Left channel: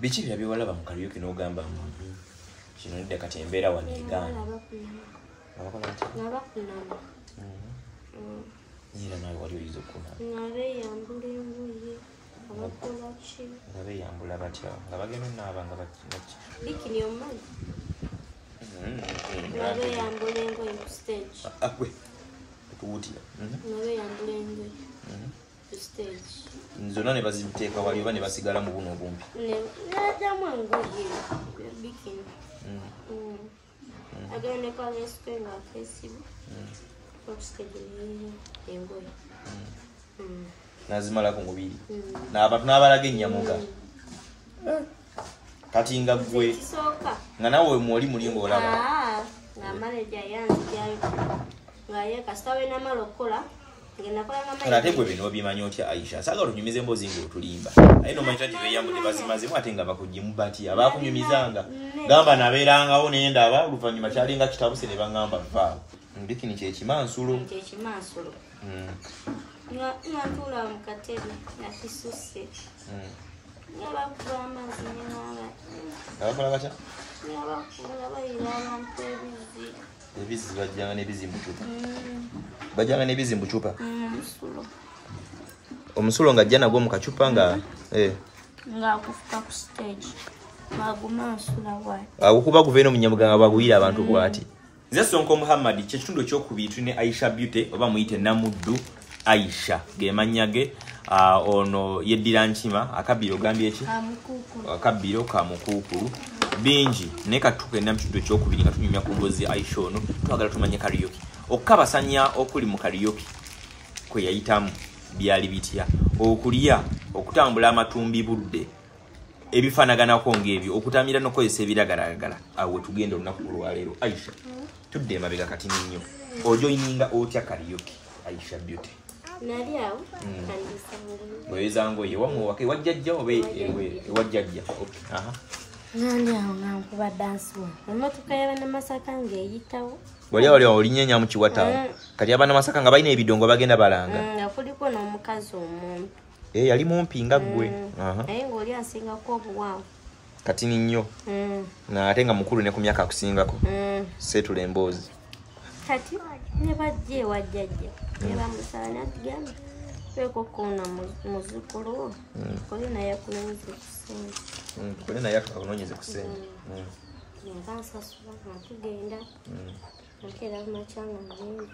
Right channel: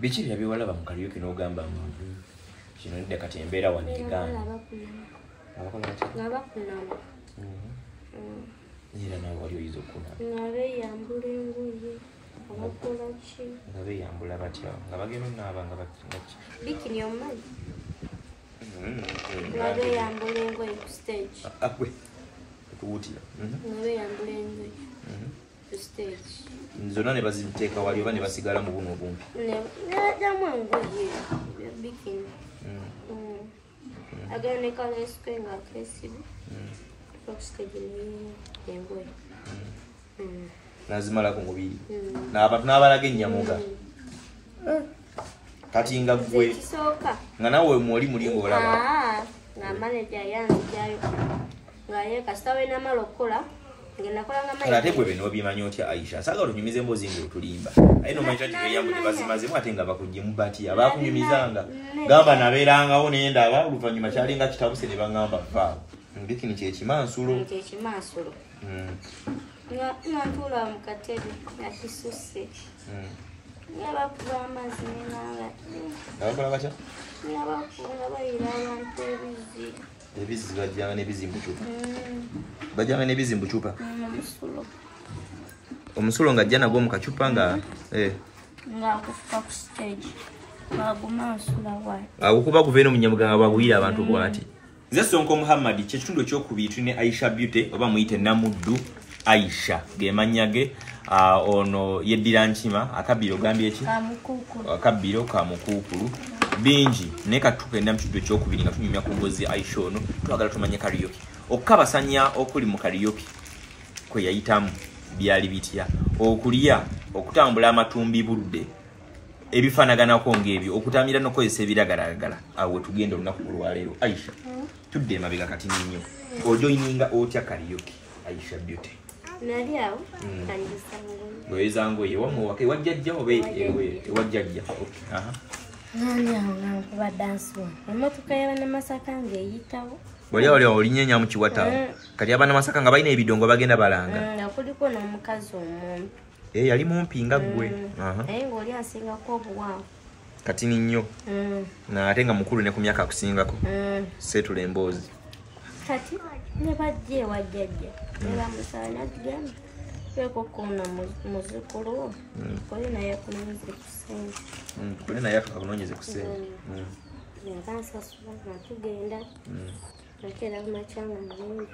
Biki bya biwalaba mu karaoke n'ogamba kino ndya kati embeera wano egamba. Abakola batya? Ngabakunama. Nina nawe wali oyiza okuna. Nga beeyambula engoye. Abakola ki? Nga beeyambula batya? Nga bagenda onaaba nga baki? Bikini omumanyi? Nga beeyambula engoye ku stage. Gwe tuwutira. Nga beeyambula engoye ku stage. Zonna ne baziteeka wali oba ne basigala mu buno obumpi. Nejjamu engoye bikini. Agenda ne kalesike nga akesibe. Ku stage niyo engoye. Nazimalako mubiri. N'abantu n'abalaga ennyamuga. Kati nga gwe nga nawe mwoli mulingo olaba. Nga manager yanzijayo. Nga ye kasita we namalokola. Ate gwe bino obimanyi otya Aisha. Saga olunyumiza emboozi ng'otulimba. Aye n'omanyi nti beeyambudde bazimazimu ate nga bakuggye bati abaakunyumizanga. Gamba nabeerangawo naye ndaba oluvannyuma kyalinga kitabuse ne baŋŋamba vaawo. Bikini kyekimansulo. Kyekimansulo. Nga ntuula mu katebe nakisusse. Nga bakuba amazzi n'enaaba. Abakola batya? Nga bakuba bayira abantu ebizzi. Ebizzi bajjanga n'ebizimbu cupa. Bajjanga n'ebizimbu cupa. Omusulo nga ajja nagwo mu kacupa nga ng'akufuka ku stage. Ng'agumansula bw'ati. Agukuba kuva eno mu Nyamuga nga baguyira abantu bw'ati. Nze Sonko Muhammad kyekitundu ekyokubiri tulina Aisha Beauty oba muyite Namuddu Aisha gemannya ge. Ono yeddira nkima akabiro gambye eki? Akabiro ka mukuukulu. Bingi naye katugenda mu kitundu ekyokubiri nga tunyumya ku ngozi Aisha ono twagala tumanye karaoke. Okukabasanya okuli mu karaoke kwe yayitamu byali bitya. Okulya okutambula amatumbi budde ebifaanaganako ng'ebyo okutamira n'okozesa ebiragalagala awo tugenda olunaku olwaleero. Aisha tudde emabega kati nnyo ojoyininga otya karaoke Aisha Beauty? Nali awo kandisanga wezango ye wamwe wajjajja oba ewajjajja. nali awo nankuba dansi emmotoka y'Abanamasaka ng'eyitawo. Wali olinyenya mu Kiwata kati Abanamasaka nga balina ebidongo bagenda balanga. Nga kuliko n'omukazi omuntu. Yali mumpi nga ggwe. Naye ng'oli asingako obuwanvu. Kati nnyo. Ate nga mukulu ne ku myaka akusingako. Seetula emboozi. Kati ne bajja ewajjajja ne bamusaba n'atugamba kweko kono muzukulu wo kole naye akunonyeze ku ssente. Kole naye akunonyeze ku ssente. Nga nsasula nga tugenda. Nakeera kumakyanga mulungi.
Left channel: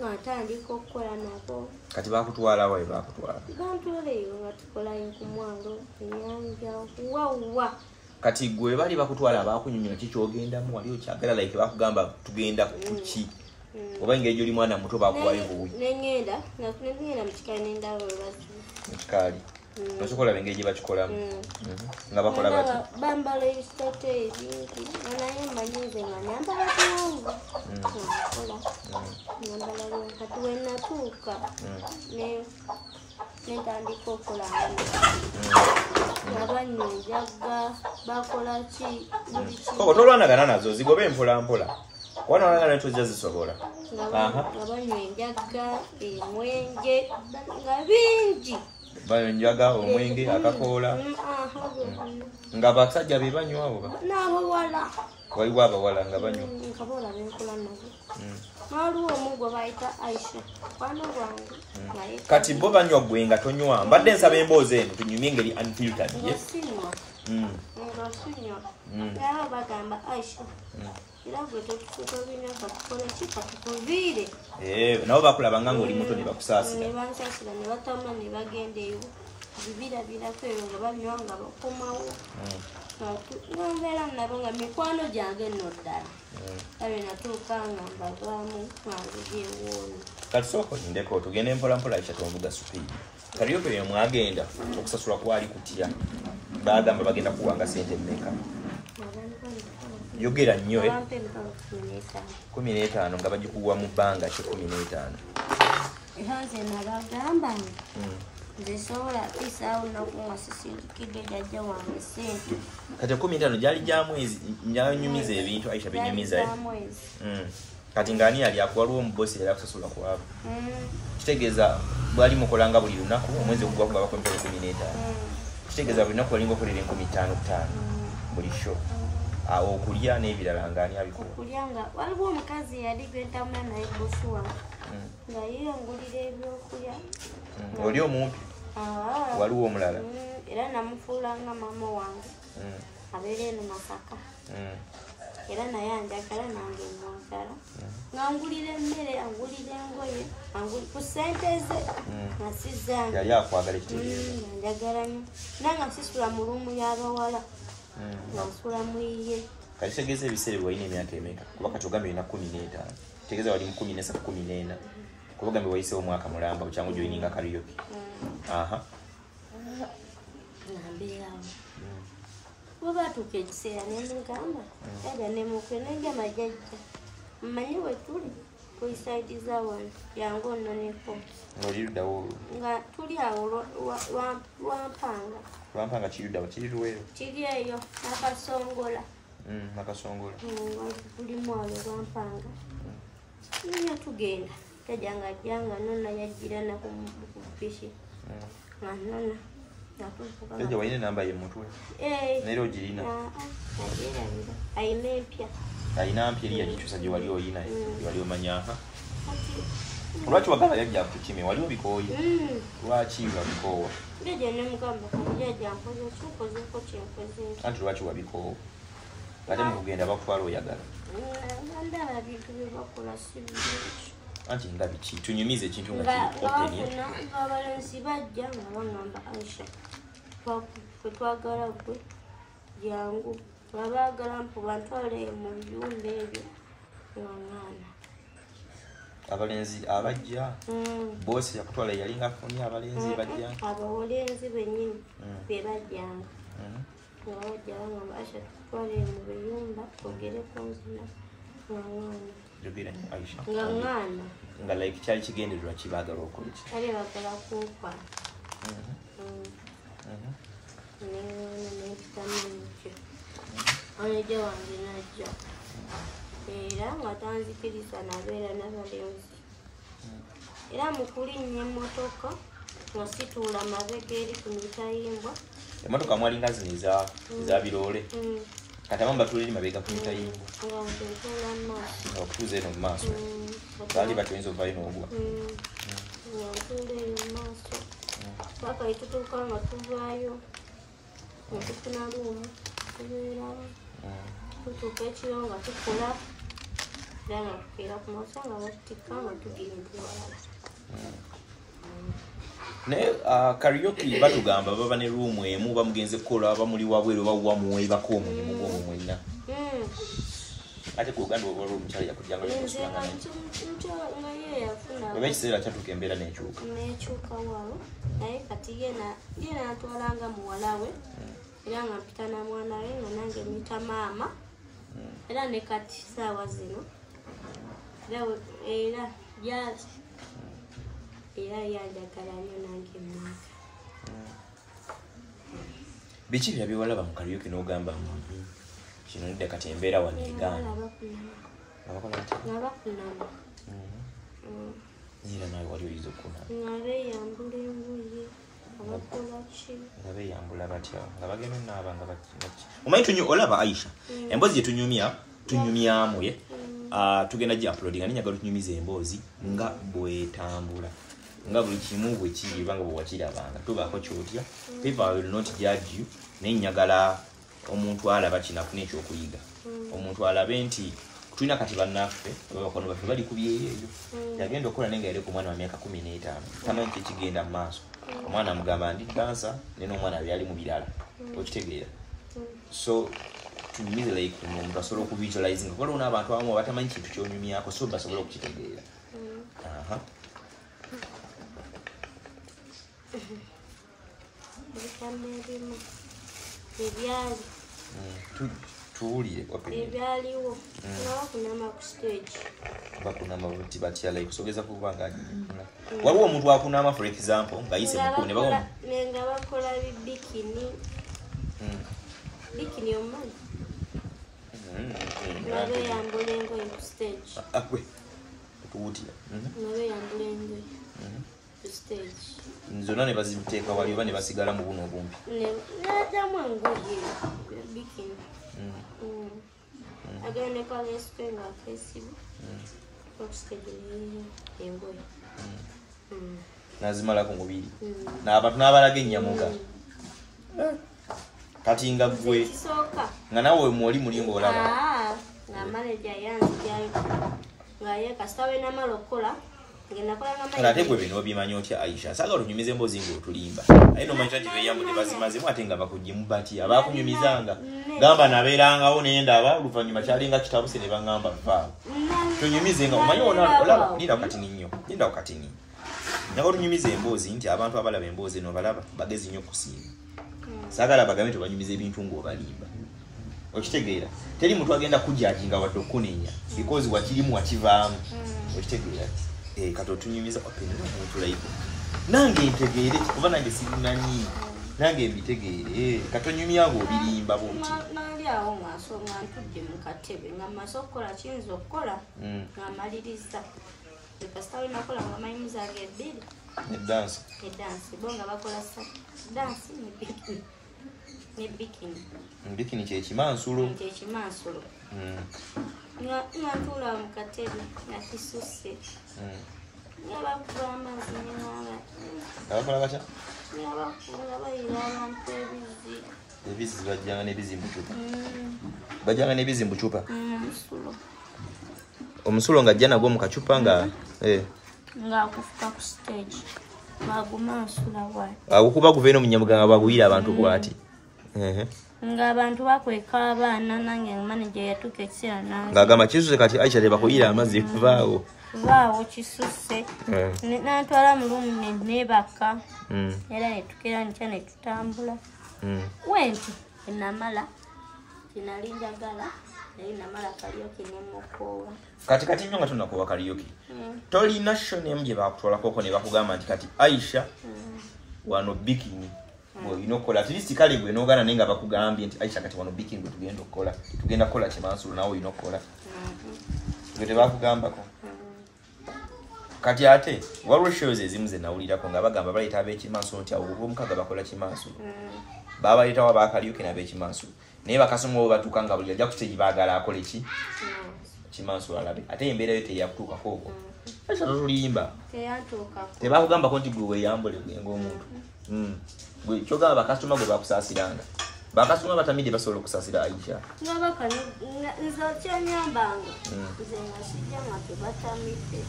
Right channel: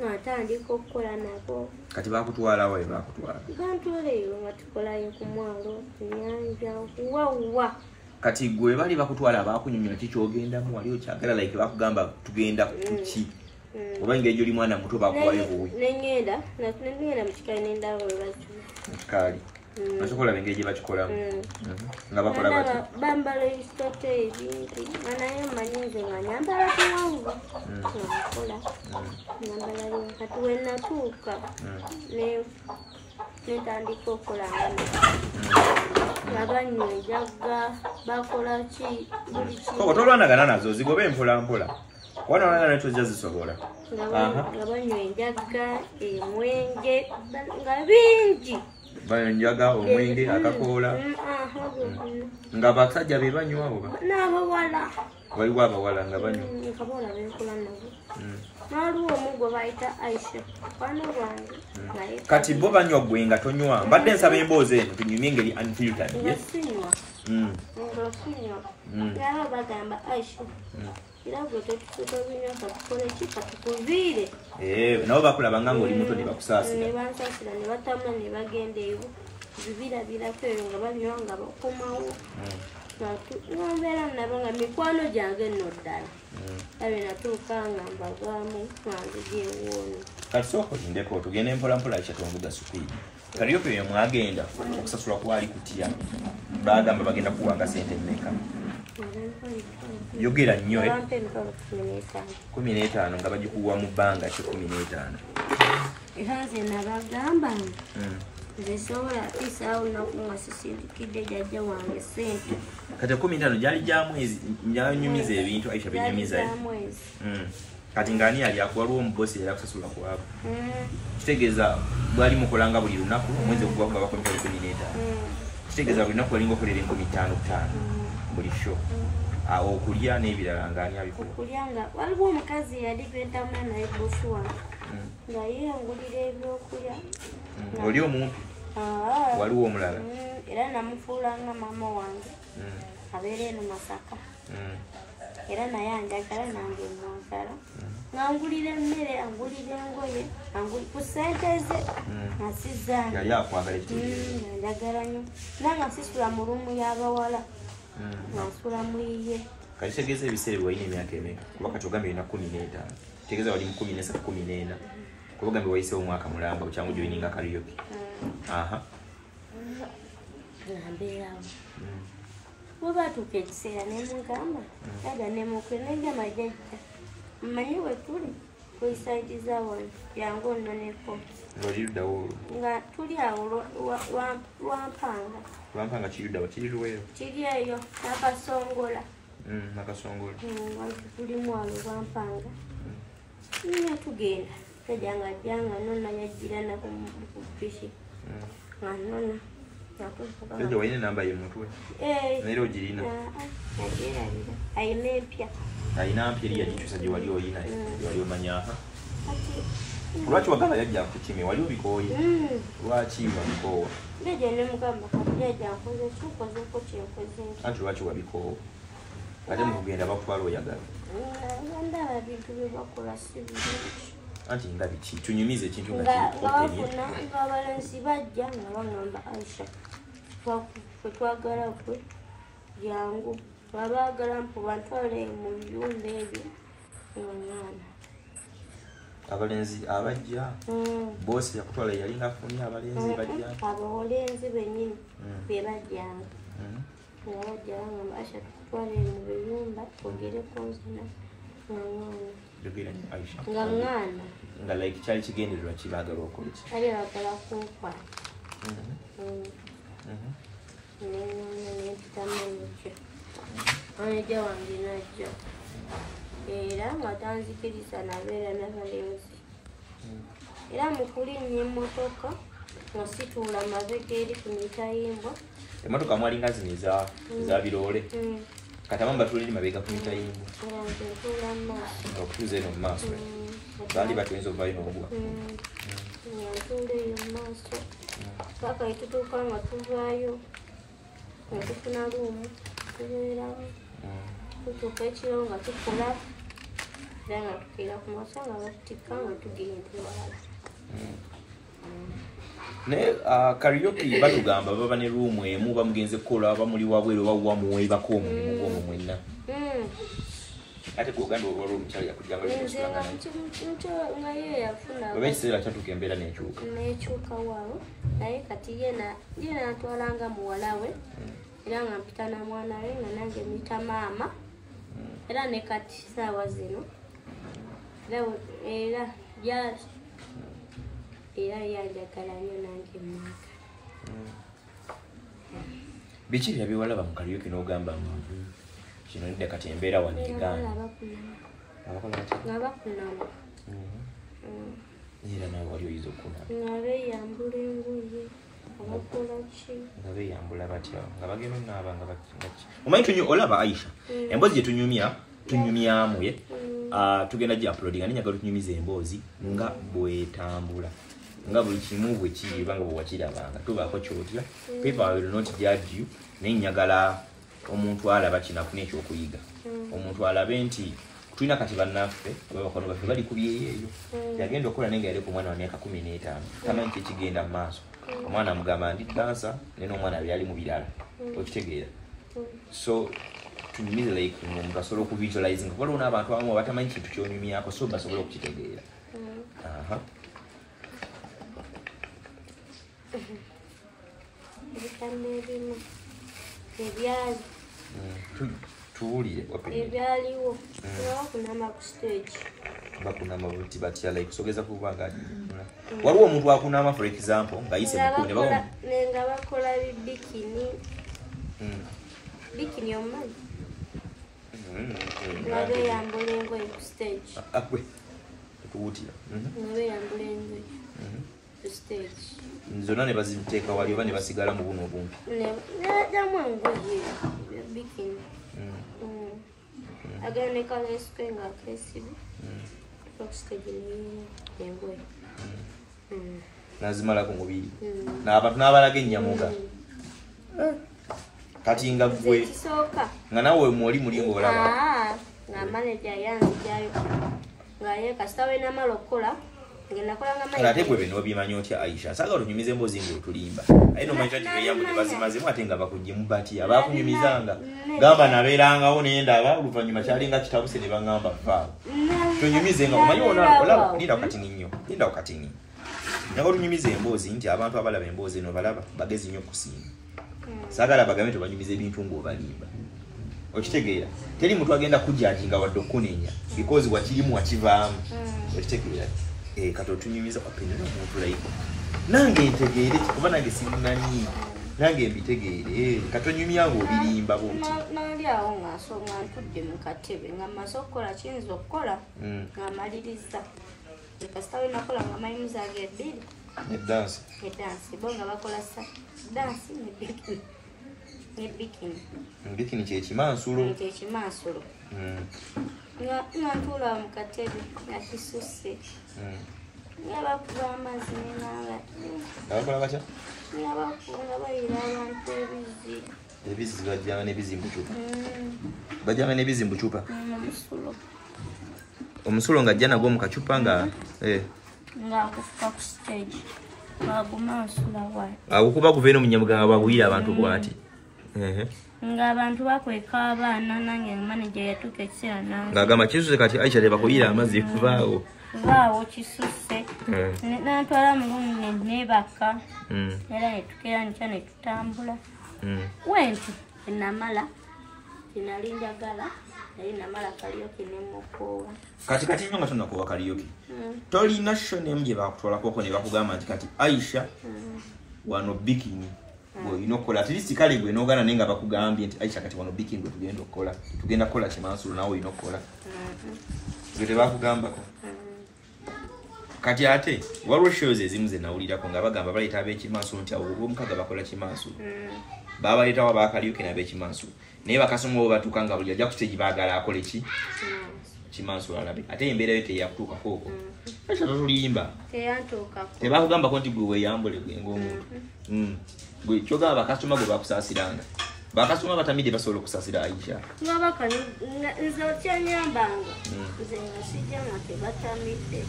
Natandika okukola nabo. Kati bakutwala wa bakutwala? Bantwaleyo nga tukolayo ku mwalo ennyanja wawa. Kati gwe bali bakutwala bakunyumya kikyogendamu wali okyagala like bakugamba tugenda kuki? Oba ng'ejo oli mwana muto bakuwayo buwi. Nengenda mu kikaali n'endaba we baki. Mu kikaali. Bakikola bengeri bakikolamu. Nga bakola bati. Bambala ebisitote ebintu. Naye mmanyize nga nyambala kuwanvu. Nkola. Nyambala byo. Kati we natuuka. Netandika okukola ngano. Nga banywa enjaga bakola ki buli ki. Koko tolwanagana nazo zigobe mpola mpola. Wana wana tojja zisobola. Nga banywa enjaga emwenge nga bingi. Banjaga omwenge akakoola. Nga basajja be banywa abo. N'abawala. Waliwo abawala nga banywa. Nkabawala benkola nabo. N'aliwo omuggo bayita Aisha. Kwano bwange. Kati bo banywa gwe nga tonywa. Mbadde nsaba emboozi eno tunyumye engeri unfiltered. Ngasinywa. Ngasinywa. Yaba bagamba Aisha. Era gwe tobinywa katukole ki katukuviire. Nabo bakulaba nga ng'oli muto ne bakusaasira. Ne bansaasira ne batambula ne bagenda eyo. Bibirabirako eyo nga banywa nga bakomawo. Nombeera nabo nga mikwano gyange nno ddala. Abe natuuka nga mbavaamu nwanzija ewoono. Kati sooka ondindeko tugende mpola mpola Aisha tonvuga supiidi. Karaoke eyo mwagenda okusasula kwali kutya. Bagamba bagenda kuwanga ssente mmeka. Yogera nnyo 15 nga bagikuwa mu bbanga ki 15. Nze nabagamba nze sobola isaawo nakuwa sisindikidde jjajja wange ssente. Kati 15 gyali gya mwezi nyanyumiza ebintu Aisha benyumiza. Kati ngani yali akuwaliwo omubosi era akusasula kwabo. Kitegeeza bwali mukolanga buli lunaku omwezi ogugwa nga bakwempera 15. Kitegeeza buli lunaku walinga okulira 5,500 buli show. Okulya n'ebirala ng'ani abikola? Okulya nga waliwo omukazi yali ventamu naye bosi wange nga yeyangulira ebyokulya. Oli omumpi? Waliwo omulala? Era namufuula nga maama wange abeera eno Masaka. Era naye anjagala nange mwagala. Ngangulira emmere, angulira engoye, ku ssente ze nga sizange. Yali akwagala ekitegeeza? Njagala nnyo. Era nga sisula mu luumu y'abawala. Nga nsula mu yiye. Kati kitegeeza ebiseera bwe walina emyaka emeka? Kuba kati ogambye olina 15. Kitegeeza wali mu 13, 14. Kuba ogambye wayiseewo omwaka mulamba bukyangu gy'oyininga karaoke. Nambeerawo. Bwe baatuuka ekiseera ne mugamba yaga ne mukwe negamba jjajja mmanyi we tuli ku isaidi za wano yangu nno neko ng'oli luddawo olwo? nga tuli awo Lwampanga. Lwampanga kiri luddawo? Kiri luweero? Kiri eyo Nakasongola. Nakasongola. Tuli mwalo Lwampanga. Nne tugenda jjajja nga ajjanga nonna yajjira nako ku piki nga nonna Jjajja walina enamba ye mutwe? Neera ogirina? Nagirabira. Ayina empya. Ayina mpya eri yagikyusa gye wali oyina gye wali omanya? Lwaki wagamba yajja kukime? Wali obikooye? Lwaki wabikoowa? Jjajja ne mugamba kati jjajja nkoze kikozeeko kyenkoze nti. Anti lwaki wabikoowa? Ate mu kugenda bakutwala oyagala? Ndaba bintu bye bakola si birungi. Anti nga biki? Tunyumize ekintu nga bafuna ng'abalenzi bajja nga baŋŋamba Aisha fwe twagala gwe jangu nga baagala mpuba ntwale mu biyumba ebyo nga ŋŋaana. Abalenzi abajja? Boosi yakutwala yalinga afunye abalenzi bajja? Abalenzi bennyini be bajjanga nga bajja baŋŋamba Aisha tutwale mu biyumba twogereko nzina nga ŋŋaana. Aisha nga ŋŋaana nga like kyali kigendererwa kibaagala okola ki? Kali baagala kunkwata. Neŋŋaana nempitamu emikyo. Maneja wange najja. Era nga tanzikiriza nabeera n'abalenzi. Era mu kulinnya emmotoka nga situula mabega eri ku mitayimbwa. Emmotoka mwalinga zino eza biroole? Kati abamu batuliri mabega ku mitayimbwa. Nga okutuuza eno mu maaso baali batuyinza ovaayo n'ogwa. Ntuula eyo mu maaso paka etutuuka nga tuvaayo nga tufuna luumu tubeeramu tutuuka ekiro nga tukola era nga tukeera ku maaso nga batutikka nga tugenda ewalala. Naye karaoke batugamba baba ne ruumu emu bamugenze kukola bamuli wabweru bawuwa muweebako omulimu gw'omwo mwenna. Ate kugamba waliwo omukyala yakujjanga nga ye yafuna oba ekiseera kyatuuka embeera n'ekyuka waawo naye kati ye n'atwalanga muwala we era nga mpita na mwana we nga nange mita maama era ne kati saawa zino era yanjagala nnyo nange mwaka. Biki bya byewalaba mu karaoke n'ogamba kino nedda kati embeera wano eganda nga bakunama era nawe wali oyinza okunama nga beeyambula engoye nga bakola ki nga beeyambula batya nga bagenda onaaba nga omanyi olaba Aisha emboozi gye tunyumyamu tugenda gye uploadinga ninyagala tunyumiza emboozi nga bwetambula nga buli kimu bwe kiriba nga bwe wakirabanga tubaako kyotya people will not judge you naye nyagala omuntu alaba kinafuna ekyokuyiga omuntu alabe nti tulina kati bannaffe ababakono baffe bali ku byeyo yagenda okukola naye nga yali ku mwana wa myaka 15 tamanyi kyekigenda mu maaso omwana amugamba ndi dansa naye n'omwana byali mu birala okitegeera so tunyumize like omuntu asobola okuvisualize nga waliwo n'abantu abamu abatamanyi kintu kyonyumyako so basobola okukitegeera. Ebitambo ebimu ebyali tuwulire ebyaliwo bakunama ku stage bakunama buti batya like kusogeza kuba nga waliwo omuntu akunama for example nga yise mukune nga bakola bikini bikini omumanyi nga beeyambula engoye ku stage tuwutira nga beeyambula engoye stage. Zona ne baziteeka wali oba ne basigala mu buno obumpi. Jamu engoye bikini. Agane kale spenga festival. Stage ni engoye. Nazimala ku mubiri. N'abantu n'abalaga enyamuga. Kati nga gwe nga nawe mwoli mulingo olaba. Na manager yangu jayo. Ngaye kastawe na malokola. Ate gwe bino obimanyi otya Aisha saga olunyumize emboozi ng'otulimba aye nomanyi kati beyamu tebazimazemu ate nga bakuggye bati abakunyumizanga gamba nabeerangawo naye ndaba oluvannyuma kyalinga kitabuse ne baŋŋamba vaawo tunyumize nga omanyi olaba linda katini nnyo linda katini naye olunyumize emboozi nti abantu abalaba emboozi eno balaba bagezi nnyo okusinga saagala bagambe tebanyumiza ebintu ng'obalimba okitegeera teri muntu agenda kujjajinga wadde okuneenya because wakirimu wakivaamu okitegeera kato tunyumiza apenera muntu laiko nange ntegeere kuba nange sirinanyi nange mbitegeere katonyumya ngo birimba boti nali awo ngasonga ntudde mu katebe ngamaze okukola kiyinza okukola ngamaliriza kastawe nakola ngamayimu zange ebbiri edansi bonga bakola dansi bikini kyekimansulo Nantula mu katebe nakisuse. Nyaba kuba amazi n'aba. Abakola batya? Nyaba kuba bayira abantu ebizi. Ebizi bajjanga n'ebizimbu cupa. Bajjanga n'ebizimbu cupa. Omusulo nga ajja nagwo mu kacupa nga nga kufuka ku stage. Baguma nsula wayi. Akukuba kuva eno mu Nyamuga baguyira abantu bwati. Nga abantu bakweka abaana nange manager yatuka ekiseera nange ngagamba kisuse kati Aisha teba kuyira amazzi kuvaawo kisuse nantwala mu lumu nebaka era netukera nkya netutambula wentu enamala kinalinjagala naye namala Kariuki nemukowa kati nnyo nga tunakuwa Kariuki tolina shonem gye bakutwalako ne bakugamba nti kati Aisha wano bikini inokola tilisi kale gwe nogana nenga bakugambye nti Aisha kati wano bikini gwe tugenda kola kimansulu nawe inokola gwe bakugambako kati ate waliwo shows ezimu ze nawulirako nga bagamba baleeta ab'ekimansulu nti awo omukaga bakola kimansulu babaleetawo abakaliuke n'ab'ekimansulu naye bakasoma batuuka nga buli ajja ku stage baagala akole kimansulu alabe ate embeera yo teyakutuukako okwo Aisha totulimba tebakugambako nti gwe weeyambule gwe ng'omuntu gwe kyogamba bakasoma gwe bakusaasiranga bakasoma batamidde basobola okusaasira Aisha nzakyanyambanga nze ngasijja nga tebatamidde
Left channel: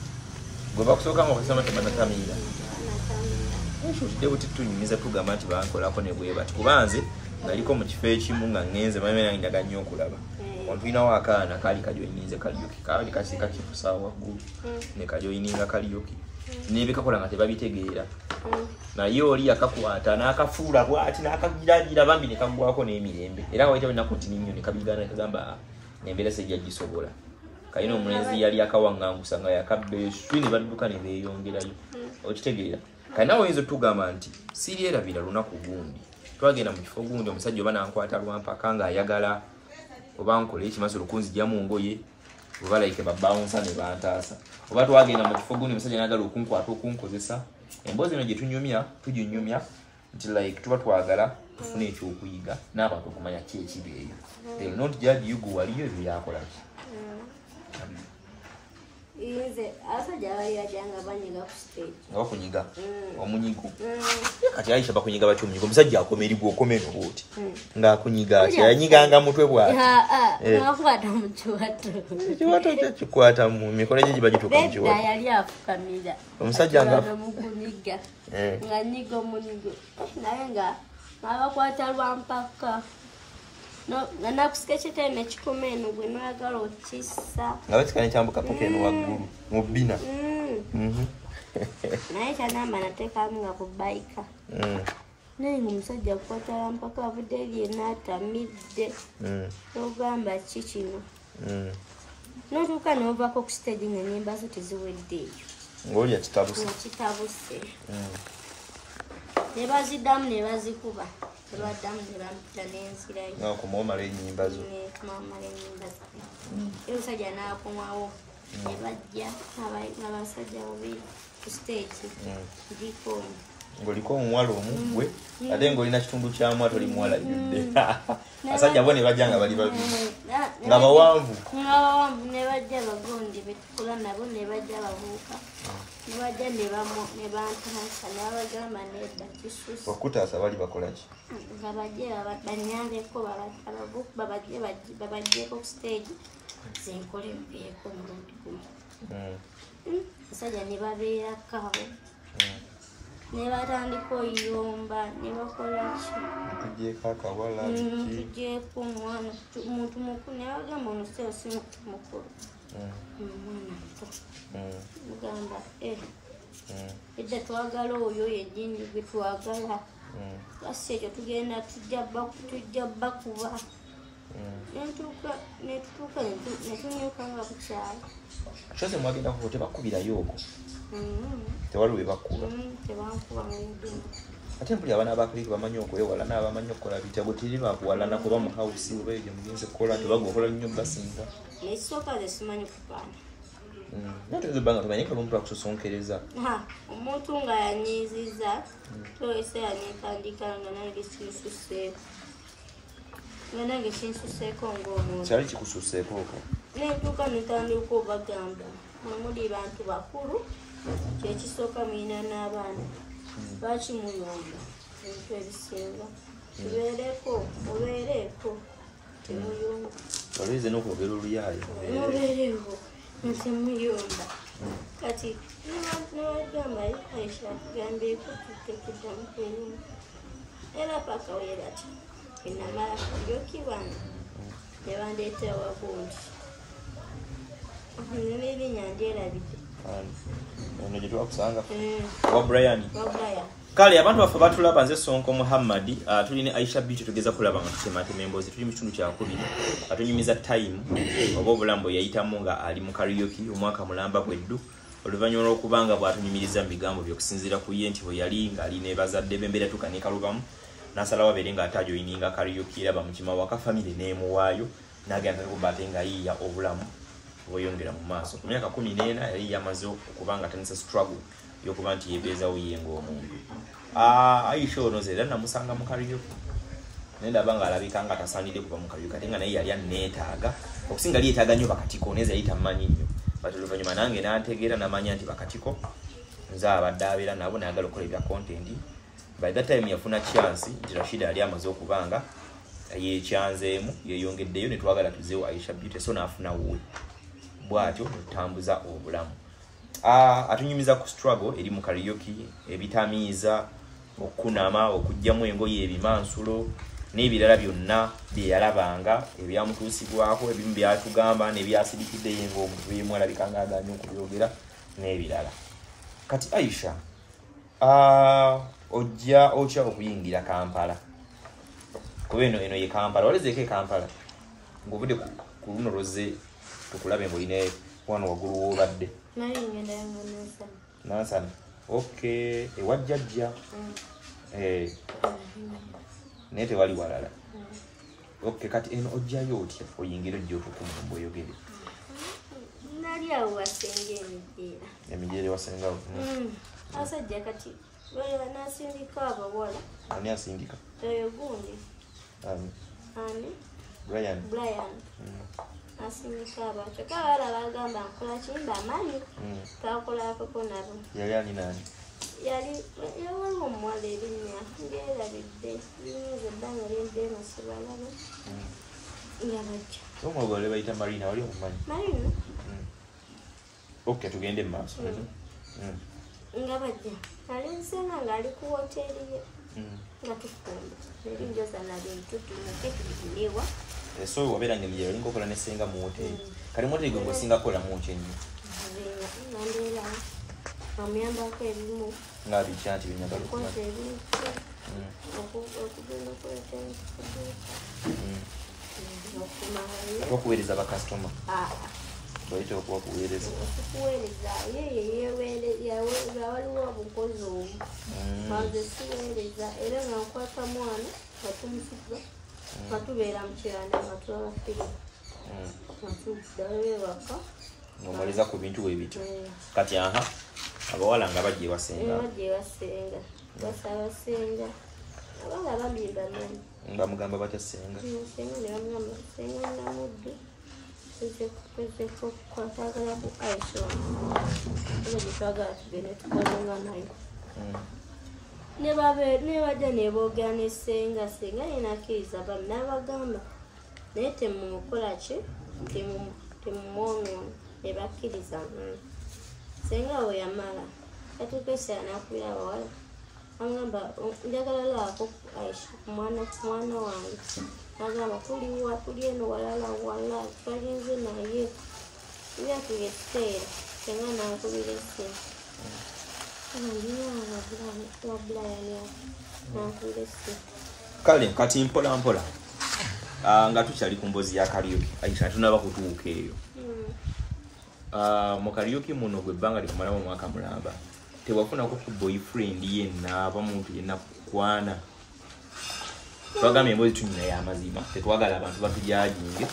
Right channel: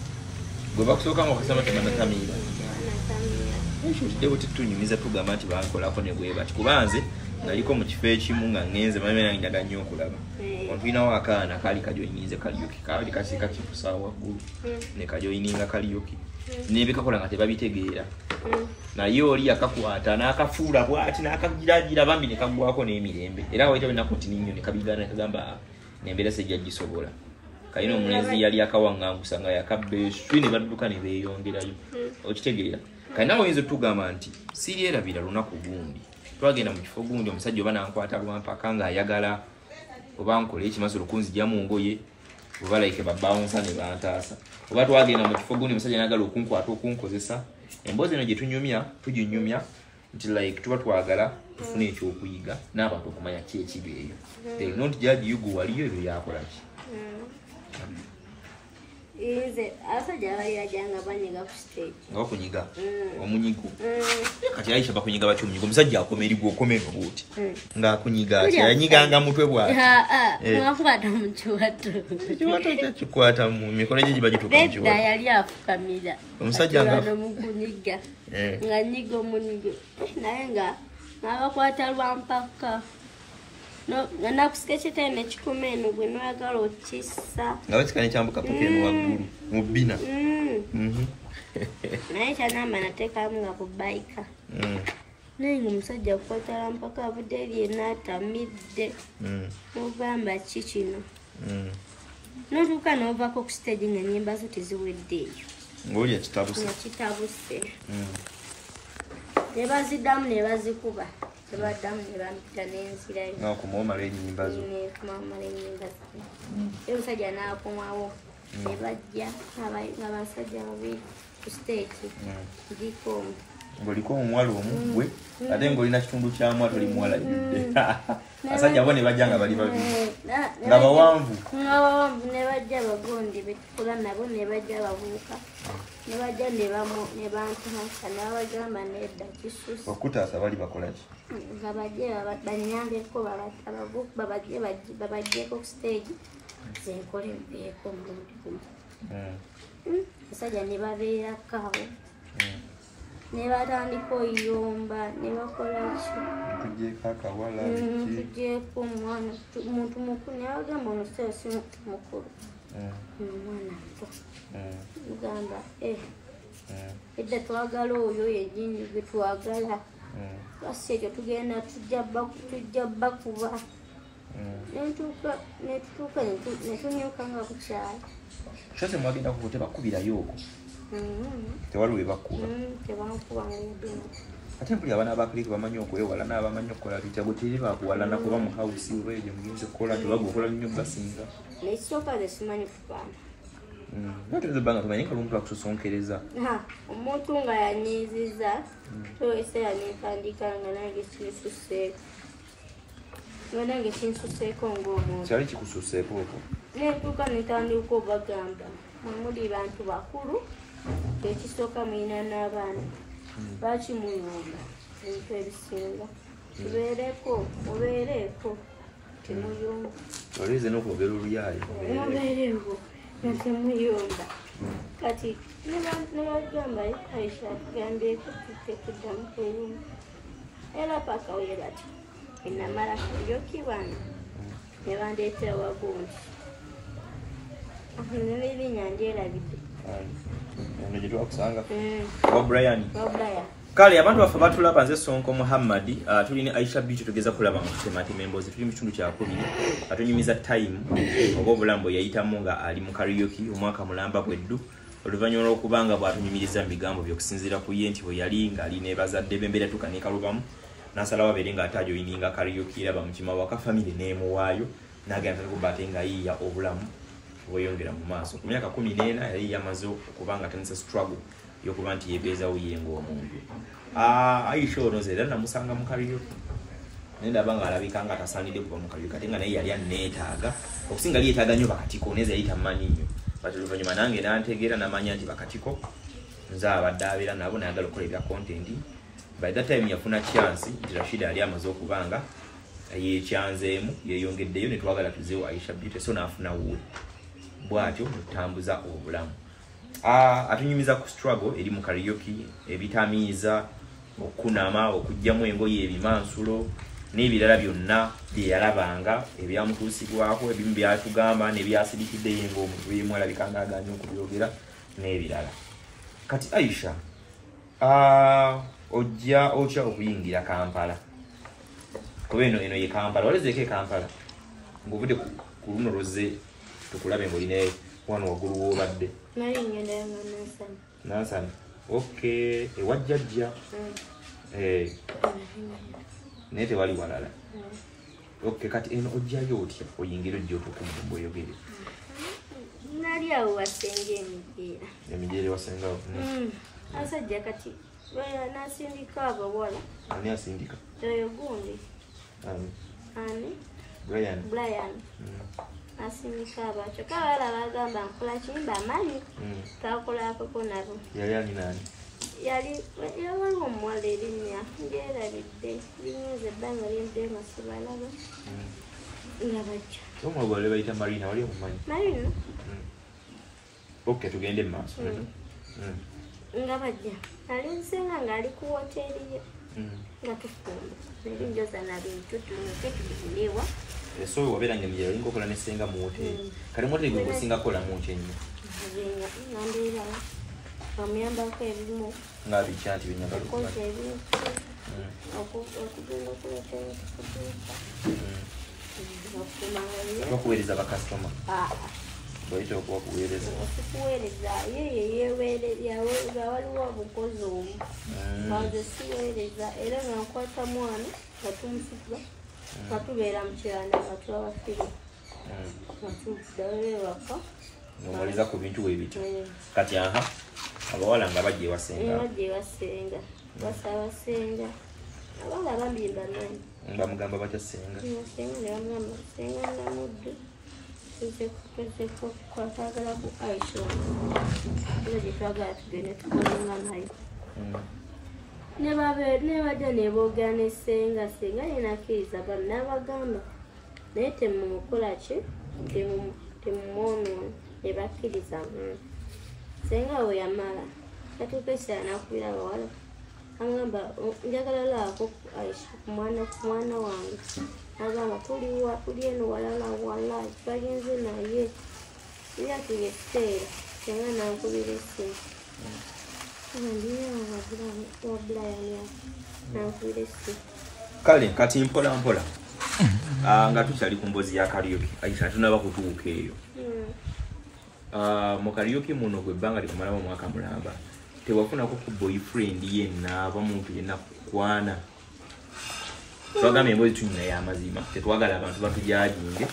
gwe bakusooka nga okasoma tebanatamira ekyo kiddewo titunyumiza tugamba nti bankolako ne bwe bati kuba nze naliko mu kifo ekimu nga ngenze manyi nange njaga nnyo okulaba olinawo akaana kaali kajoyininze Kariuki kaali kasika kifusawo waggulu ne kajoyininga Kariuki nebikakola nga tebabitegeera naye oli akakwata n'akafuula bwati n'akagiragira bambi ne kagwako n'emirembe era waitawo ennaku nti ninnyo ne kabigana ne kagamba nembeera sejja gisobola kalina omulenzi yali akawaŋŋangusa nga yakabbeeswi ne badduka ne beeyongerayo okitegeera kalina oyinza otugamba nti siryerabira lunaku gundi twagenda mu kifo gundi omusajja oba nankwata lwampaka ng'ayagala oba nkola ekimasolo kunzijja mu ngoye oba like babawunsa ne bantaasa oba twagenda mu kifo gundi omusajja nayagala okunkwata okunkozesa emboozi eno gye tuginyumya nti like tuba twagala tufune ekyokuyiga n'abantu okumanya ki ekibeeyo they not judge you go waliyo ebyo yakolaki Ize asajja balira janga banyiga ku stage. Nga kunyiga. Omunyigo. Kati Aisha bakunyiga batyo omunyigo. Musajja akomeri gwo komeka boti. Nga kunyiga ati yanyiganga mutwe bwa. Ngakwata mu kiwato. Kiwato kikwata mu mikono gye gibaje tuko mu kiwato. Beda yali afukamira. Omusajja nga mukunyiga. Nga nyigo munyigo. Naye nga nabakwata lwampaka. No, ngana kusikeshe teme chikomeno gwe noyagala okissa. Ngawe tikane chambuka pokeno waggulu mu bina. Naye chanamba nateka nga kubaika. Nenga omusajja kukwatala mpaka abudde n'atamidde. N'ogamba ki kino. N'otuuka n'ovaako ku stage nga nnyimba zo teziweddeeyo. Ng'olya kitabuse. Nga kitabuse. Ne baziddamu ne bazikuba. Tebaddamu ne bampita n'ensirayo. Nga kumwomala ennyimba zo. Kumwomala ennyimba zo. Omusajja n'akomawo. Ne bajja n'abasajja babiri. ku stage ndiko ngoliko omwala omugwe ate ngolina kitundu kya mwato li mwala ibidde asajja bone bajanga bali babiri nga bawanvu ne bajja bagondi betukula nabo ne bajja babuuka ne bajja ne bantasa n'abagamba nedda kisusi okutaasa bali bakolaki nga bajje banyambeko babajjeko ku stage zenkole mpeeko mulundi gumu asajja ne babeerako abo ne batandika oyomba ne bakola ki tugyeko akawala tugyeko omwana muntu mukulu ne bagamba ono si muntu mukulu omwana muto mugamba edda twagala oyo yennyini gwe twagala kasi ekyo tugenda tujja bakuba netutuuka netunyuka nga bukyala kyose mwagenda kuko tebakubirayo okwo tewali we bakuba tebankuba ngudumu ate mpuli abaana abakulike bamanyi okwewala n'abamanyi okukola bitya bwe teri bakuwalana kuba mu hawusi oba eyo gye mugenzi okukola tebaga okola nnyo basinga nekisooka ze simanyi kufaana natuyinza obbanga tumanyi nga omuntu akusosonkereza omuntu nga yanyiiziza toeseera nentandika nga nange kinsuseeko nga nange kinsuseeko ng'omuntu kyali kikususeeko okwo nentuuka netandika obagamba muli bantu bakulu kyekisooka mulina n'abaana bakimuyomba ebintu ebisinga tubeereko obeereeko temuyomba oleze n'okwogera oluyaayo mubeereeko natemuyomba kati nebagamba Aisha gambeeko tutekuddamu kweyomba era paka wera ati enamala yokiwana nebandeetera wagundi nelinya ndyerabidde ono gye twakusanga wa Brian kale abantu baffe batulaba nze Sonko Muhammad tuli ne Aisha Beauty tugeza kulaba nga tutematema emboozi tuli mu kitundu kyakubiri atunyumiza time oba obulambo yayitamu nga ali mu karaoke omwaka mulamba bweddu oluvannyuma lw'okubanga bw'atunyumiriza mu bigambo by'okusinziira ku ye nti bwe yali ng'ali ne bazadde b'embeera tukanekalubamu n'asalawo abeere ng'ataajoyininga karaoke eraba mu kima waka famire n'emuwaayo n'agenda ntakuba ate ng'ayiiya obulamu bweyongera mu maaso ku myaka 14 yali yamaze okuba nga atandise struggle y'okuba nti yeebeezawo ye ng'omuntu Aisha ono ze era namusanga mu karaoke naye ndaba nga alabika nga atasaanidde kuba mu karaoke ate nga naye yali aneetaaga okusinga li yeetaaga nnyo bakatiko naye ze yali tamanyi nnyo bati oluvannyuma nange nantegeera namanya nti bakatiko nze abadde abeera nabo nayagala okukola ebya content by that time yafuna chance nti Rashida yali amaze okubanga yekyanzeemu yeyongeddeyo ne twagala tuzeewo Aisha Beauty so naafuna wuwe bwatyo mutambuza obulamu atunyumiza ku struggle eri mu karaoke ebitamiiza okunama okujjamu engoye ebimansulo n'ebirala byonna bye yalabanga ebyamutuusibwako ebimu byatugamba nebyasidikiddeyo ng'omuntu yemu alabika ng'agaanye okubyogera n'ebirala kati Aisha ojja okya okuyingira Kampala kuba eno ye Kampala walezeeko Kampala ng'obudde ku luno lwoze tukulabe ng'olina wano waggulu w'obadde Nansana okay ewajjajja naye tewali walala okay kati eno ojjayo otya oyingira ojja otukumumba oyogere nali awo wasenga emijeera wasengawo asajja kati nasindika abawala ani asindika oyo gundi ani Brian asindika abakyo kabala bagamba nkola kimba amanyi twakolakoko nabo yali ani nani waliwo omuwala erinnya ndyerabidde linyiza ebbanga lyembe nga sibalaba nga bajja omwagole bayita Marina wali omumanyi Marina okay tugende maaso nga bajja ali nsenga ng'ali ku woteeri ye nga tufumba nelinjoza nabintu tumuke tugirewa so wabeeranga emijeera olinga okola nesenga mu woteeri kali mu woteeri gwe gwesinga kukolamu ki ennyo ngandeera amuyambako ebimu nga bikya nti binyambako okoza ebintu okugenda okuleta ebintu okuweereza bakasitoma bayita okubakuweereza okuweereza yeye yeweereza waliwo obukozi omu aze siweereza era nga nkwata mwana nga tumusiga nga tubeera mu kiranda nga twabafire nga tuddayo ewaka ng'omuleza ku bintu weebityo kati abawala nga bajje wasenga basaba senga abanga bambimba manyi nga mugamba batasenga senga namudde kwatagala ku Aisha twagala tugende tukolenga nayo ne bajja ne boogera ne senga yenakkiriza bami n'abagamba naye temumukola ki temumwonoona ne bakkiriza senga we yamala yatuuka ekiseera n'akubira abawala agamba njagala laako Aisha ku mwana wange agamba tuli eno wala twagenze naye byatuga ekiseera senga nankubira essimu nankubira essimu kale kati mpola mpola nga tukyali ku mbozi ya karaoke Aisha tunaba kutuuka eyo mu karaoke muno gwe ebbanga likumalamu omwaka mulamba tewafunako ku boyfriend yenna aba muntu yenna kukwana twagambye emboozi tunyina y'amazima tetwagala abantu batujajinge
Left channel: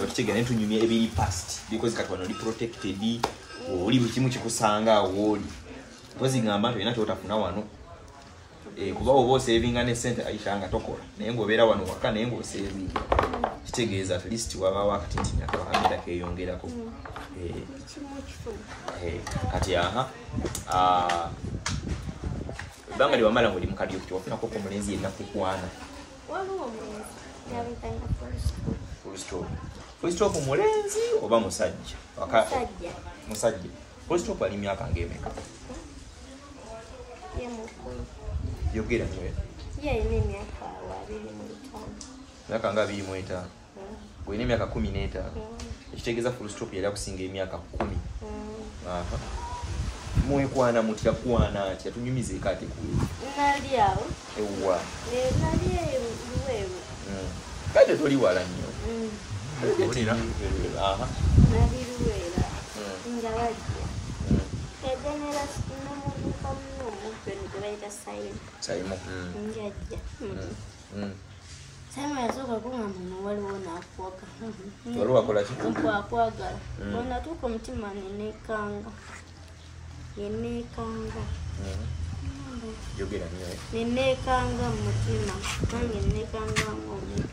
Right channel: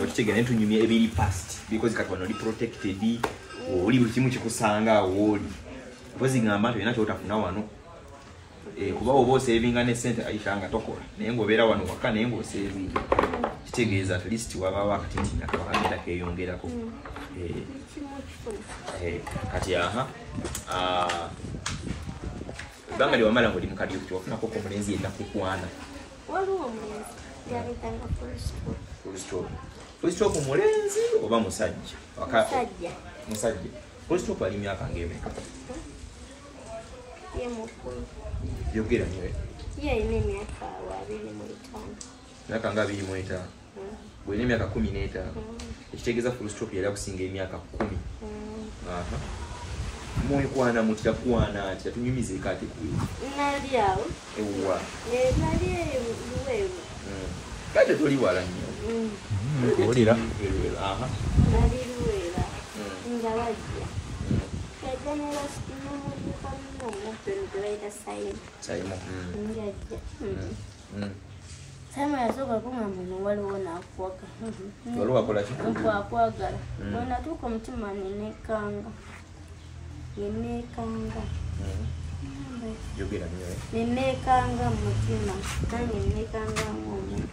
okitegera ne tunyumya ebiri past because kati wano oli protected oli buli kimu kikusanga awo oli bwezigamba nti olina kyotafuna wano kuba oba osevinga ne sente Aisha nga tokola naye ng'obeera wano waka naye ng'osevinga kitegeeza at least wabawo akatintinya kakamita keeyongerako kati ebbanga lyewamala ng'oli mu karaoke tewafunako ku mulenzi yenna kukwana waliwo omulenzi yalutanga full stop mulenzi oba musajja full stop ali myaka ng'emeka ye mukulu yogera nyewe ye ayina emyaka 25 myaka nga 25 bw'olina emyaka 15 ekitegeeza full stop yali akusinga emyaka 10 mwekwana mutya kwana atya tunyumize kati nali awo ewa nali luweewo kati toli wala nnyo olira nali luweera nga bajja yajanera namuduka muno omupeno tebayita sayimu njajja sayimu yasooka kungamba no waliwo naakwaga waliwo akola ki nkwakwagala bwenatuuka omutima nenekanga nenekanga mutima nange nenekanga ng'omuntu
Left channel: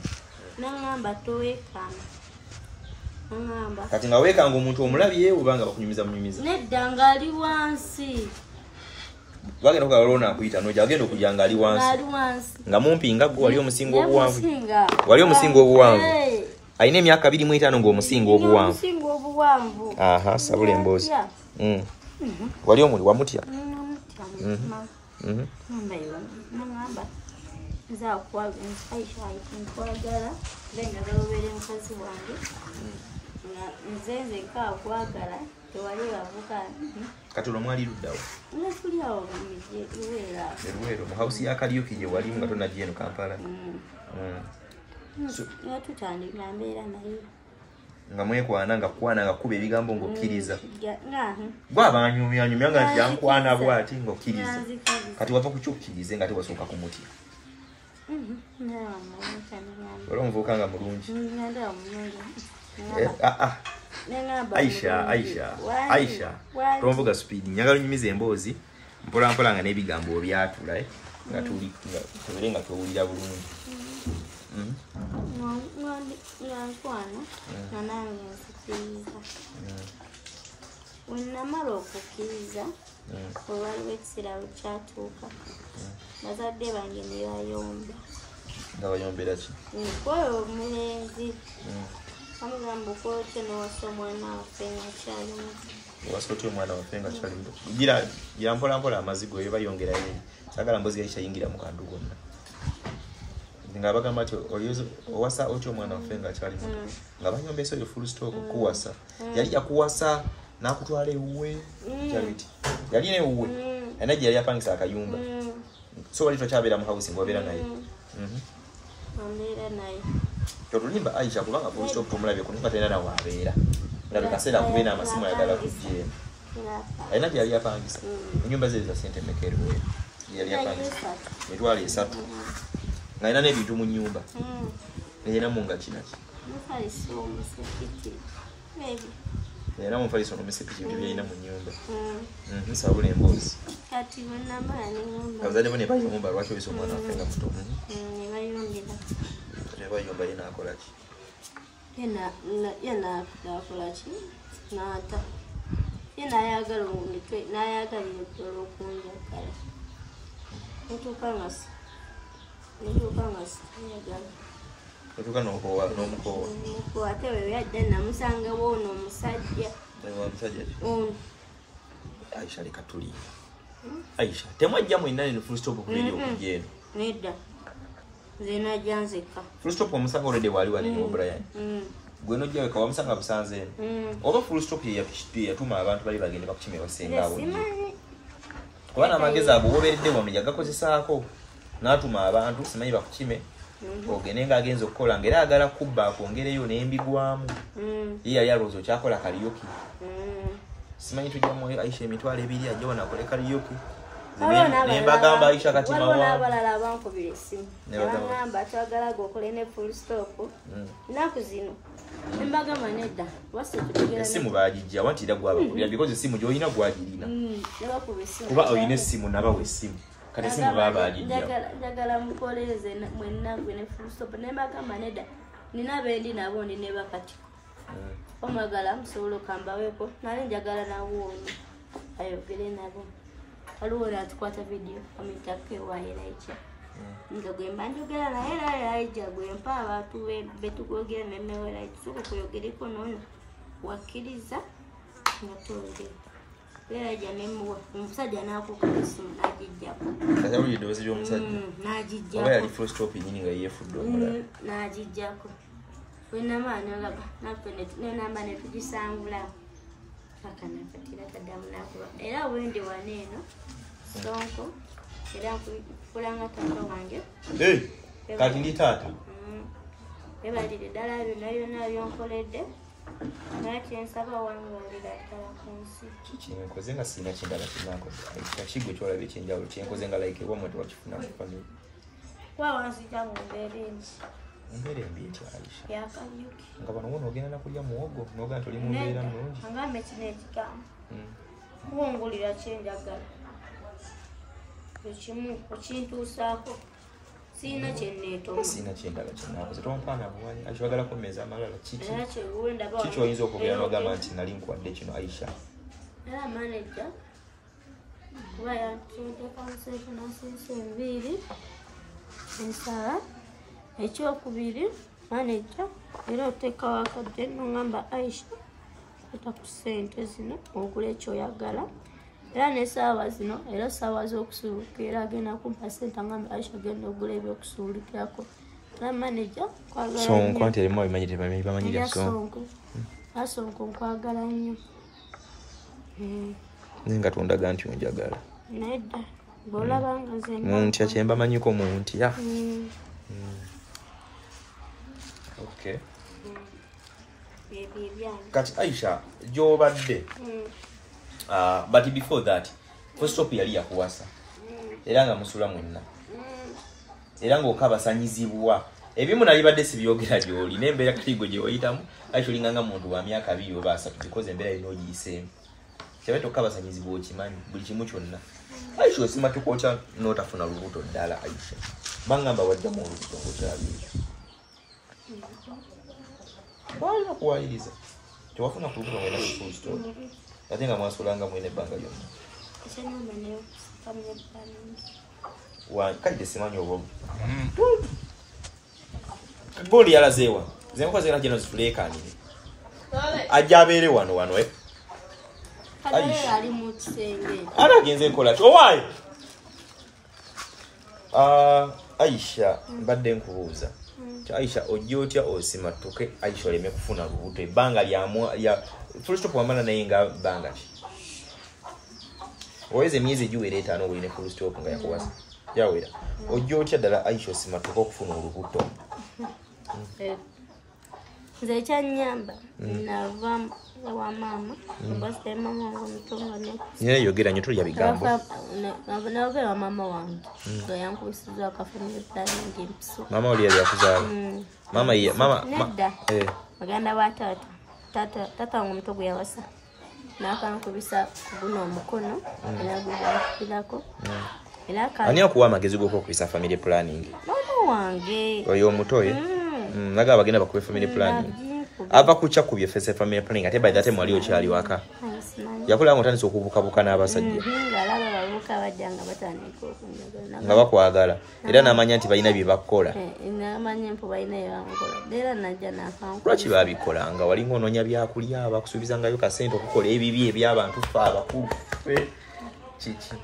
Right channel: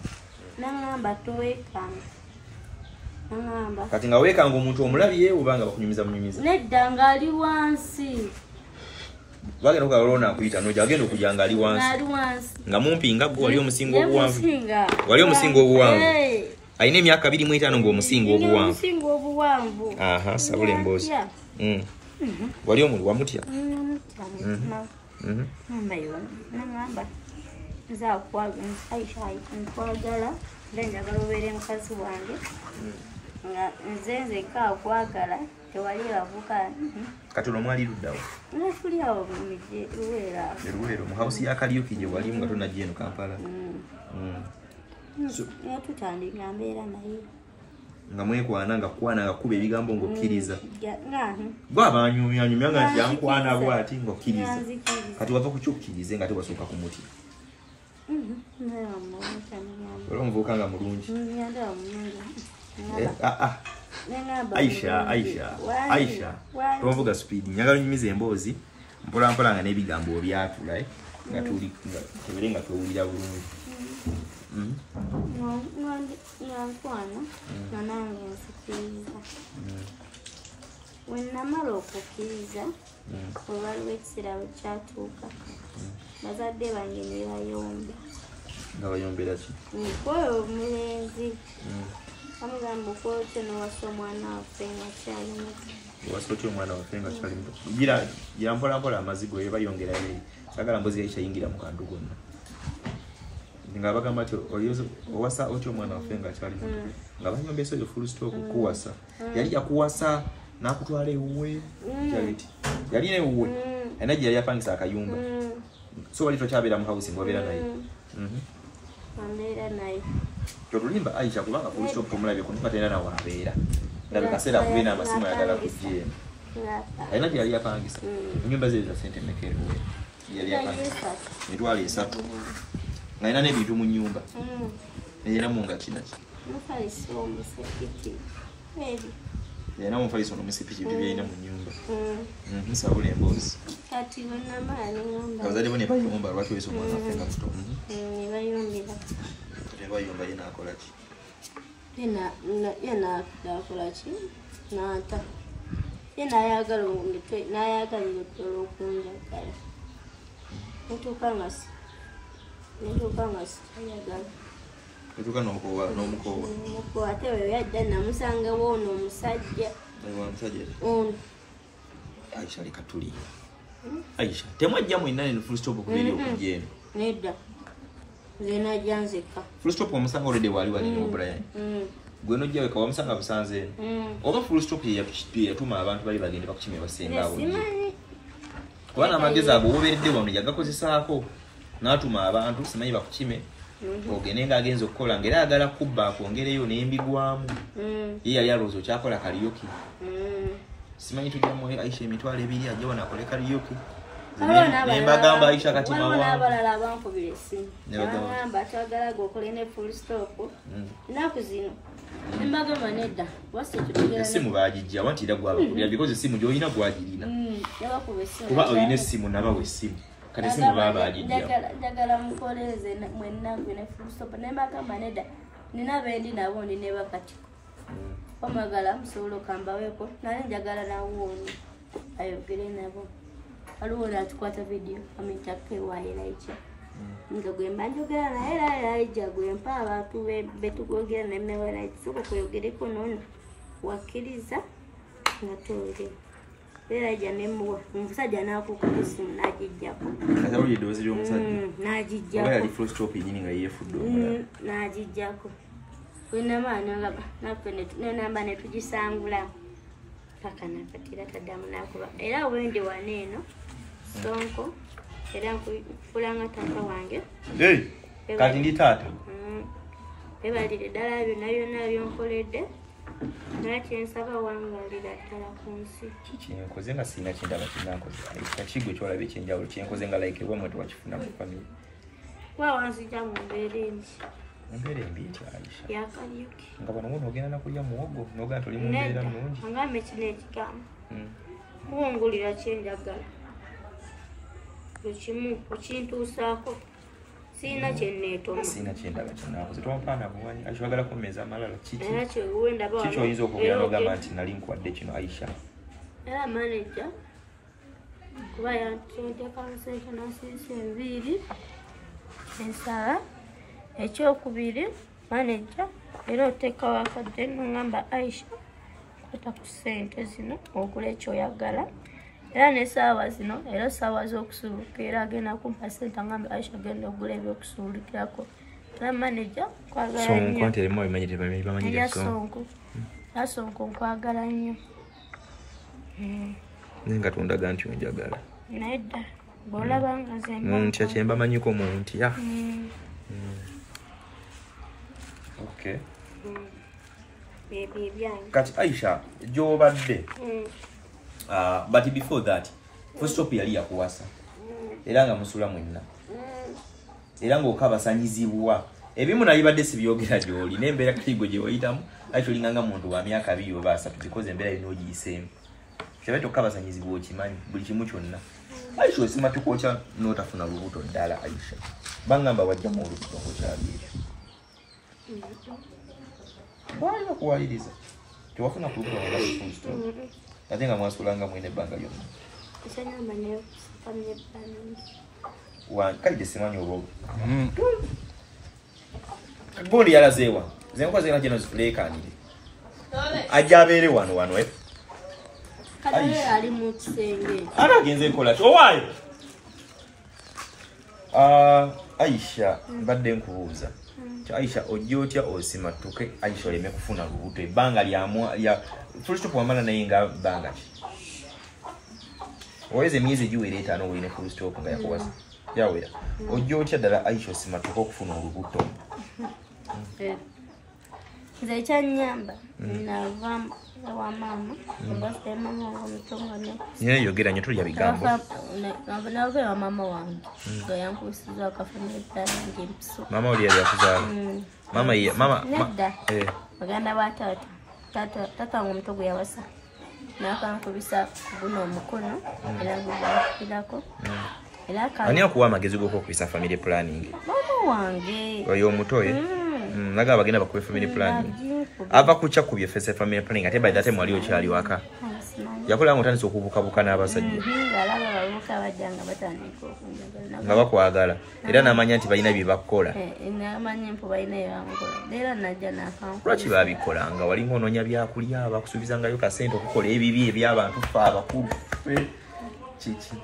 nangamba toweekanga nangamba kati nga weekanga omuntu omulabye oba nga bakunyumiza munyumiza nedda ng'ali wansi bagenda okugala olwo naakuyita noja agenda okujja ng'ali wansi nga mumpi nga gwe wali omusinga obuwanvu alina emyaka 25 ng'omusinga obuwanvu sabula emboozi wali omuli wamutya nangamba nkwagala njagala obeere mukazi wange nga nze nzekka akwagala tewali bavuka katono mwali luddawo tuli awo luweera mu hausi ya karaoke gye walimu nga tonajja eno Kampala yatutandika mbeera naye nga mwekwana nga kwana nga kuba ebigambo ng'okkiriza gwe abanyumyanyumya nga nti yankwana bw'ati ng'okkiriza kati wava ku kyokkirize nga tewasooka ku muti wali omuvubuka nga mulungi Aisha tomuvuga speed njagala onyumiza emboozi mpolampola nga n'ebigambo obyatula nga tubere nga twewulira bulungi nankwana nga nange nzikiriza wenamala okukkiriza wewaliwo ekiseera wekyatuuka bazadde bange ne bayomba nga bayombera ki kwoyo omulenzi bamugamba okola otya nowasa omwana waffe nga kyali muto owasa otya omwana waffe nga kyali muto gira mpolampola amazigo ye bayongerayo eri sagala mbozi yayikyayingira mu kantu gonna nga bagamba ti owasa otya omwana waffe nga kyali muto nga banyombesa oyo full stop kuwasa yali yakuwasa n'akutwala ewuwe yali newuwe enajja yali apangisa akayumba so wali tokyabeera mu hausi ng'obeera naye ambeera naye kyotulimba Aisha kubanga full stop omulabye ku nga talina nawe abeera nga bikaseera kubeera n'amasimu ayagala kujja eno alina gye yali apangisa ennyumba ze za sente mekerewe yali apangisa mitwalo 3 nga alina n'ebintu mu nnyumba neyinamu nga kinaki Era mu faliso no misipiki bibina mu nyumba. Saluni embozi. Kati wena mani ngamba. Abazali bone bayomba lwaki oliso mwana afenga muto. Ni bayombira. Ne bayomba yena akola ki? Yena akola ki? Nata. Yena ayagala omuntu n'ayagalira ddala okunjagala. Ntukangasi ayagala. Otuka n'omukowa. Omukowa ate we yadda namusanga woono omusajja. Omusajja. Aisha leka tuli. Aisha temwajja mwina ne full stop okubiri okujja eno. Nedda. Zena janzeka. Full stop omusanga already wali mu Brian. Gwe nojja weka wamusanga busanze. Oba full stop yatuma abantu bali bagende bakukimya basenga awo. Kuba n'amagezi ago woberedde wano yagakozesaako n'atuma abantu simanyi bakukime. Ogende nga agenza okukola ngera agala kubba akongereyo n'embigwamu. Ye yali alowooza okyakola karaoke. Simanyi tujja mu Aisha emitwalo ebiri ajja wano akole karaoke. Nembagamba Aisha kati waliwo n'abalala abankubira essimu. Nebagamba twagala gokole ne full stop. Nnaku zino nembagamba nedda wase tutugera essimu baagijja wanti era gwabakulira because essimu gy'olina gwagirina. Yabakuba essimu. Kuba olina essimu nabawa essimu. Kati essimu baagijja. Njagala mukoleze mwenna gwe ne full stop. Nembagamba nedda nina bendi nabo ndi ne bakatiko. Omagala musobola okambaweko naye njagala nawooni ayogere nabo. Waliwo atukwata video amitake wayilaiki. Nga gwe mba njogera naye era yajja gwe mpa abantu betugogera nemmewera kisuko kuyogereko nono wakkiriza nga tolere. Era yajja nemmuwa omusajja n'akuuka essimu n'agijjako. Kati awulira eddoboozi ly'omusajja. N'agijjako. Oba yali full stop yennyini nga yeefudde omulala. N'agijjako. Wenamaani olaba naffe nenamba ne tugisangula paka nakatira taddamu nakuba. Era wendi wano eno Sonko era nkufulanga taata wange. Kati ndi taata. Ebalire ddala byonna byonkoledde. Naye kyensaba wangalira ddala ku nsi. Kyenkoze nga sirina kyendala kinankoze. Ekigwe kyolaba ekyenjawulo kyenkoze nga like wamwe tewakifuna mu family. Kuba wanzija mu mbeera embi. Mbeera embi etya Aisha? Yakaliuki. Nga bano wono ogenda nakulya muwogo n'ogaa toli mu mbeera nnungi. Angambe kino ekigamba. Muwungulira kyenjagala. Ekimu okintuusaako. Sina kyenneetoma. Sina kyendala kyenaakoze. Tompaana buwanyi. Aisha wagala kummeeza amalala kiki? Era kyeguwe ndaba wano. Kiki oyinza okwogera n'ogamba nti nali nkuwadde kino Aisha? Era manager kuba yanteekamu session asiise enviiri ensala. Ekyokubiri manager era oteekawo akadde n'ongamba Aisha kwata ku ssente zino ogula ekyoyagala. Era n'essaawa zino era ssaawa z'okusuuluka era agenda kumpa ssente ngamba Aisha genda ogula ebyokusuulukirako. Era manager nkwagala nnyo. Sonko nti erimu abimanyi bamanyira Sonko. Sonko nkwagala nnyo. Naye nga tondaga nti onjagala. Nedda bw'olaba nga nze ntya kye mbamanyiko mu ntya. Okay. Kati Aisha gy'obadde. But before that, first stop yali yakuwasa. Era nga musula mwenna. Era ng'okabasanyizibwa. Ebimu nali badde sibyogera gy'oli n'embeera katigo gye wayitamu Aisha olinganga muntu wa myaka 2 oba 3 because embeera erina ogiyiseemu. Kyabadde okabasanyizibwa okimanyi buli kimu kyonna. Aisha osima tukwokya n'otafuna lubuto ddala Aisha. Bangamba wajja mu olubuto nkyabi. Bwana kuwaliriza. Tewafuna ku lubuto nga full stop. Ate nga mwasulanga mwine ebbanga lyonna. Ekyanyamba nayo family planning. Kaide simanyi obwogo. Gundi yalazeewa. Ze nkoze era gino zituleekaanire. Ajja abeere wano Kadale ali mu kisenge. Anagenze nkola ki? Owaayo? Aisha mbadde nkubuuza. Aisha ojja otya osimatuke Aisha oleme kufuna lubuto ebbanga lya full stop wamala naye nga bbanga ki? Oweze emyezi giwera 5 oline full stop nga yakuwasa. Yawera. Ojja otya ddala Aisha osimatuke okufuna olubuto? Nze ekyanyamba nava wa mama. Mbasite mama wange mutongane. Yeye yogera nnyo tulya bigambo. Nava wa mama wange. Nga yankusiza akafamily planning mpiso. Mama oli yali akuzaala. Mama. Nedda. Baganda ba taata. tata wangu omuto gwe yawasa n'akankubisa guno omukono era gugakupirako era ani akuwa amagezi g'okukubisa family planning mama wange oyo omuto oyo naga bagenda bakuwe family planning ava kucha kubye fese family planning ate by that time wali okyali waka yakula ngotandise okubukabuka n'abasajja ng'alaba babuka bajjanga batandika okunjagala nga bakwagala era n'amanya nti balina bye bakola n'amanya mpo balina bye bamukola era najja n'akankuba lwaki babikola nga wali ng'onoonya byakulya bakusuubizangayo kasente okukola ebibi eby'abantu fe abakulu kiki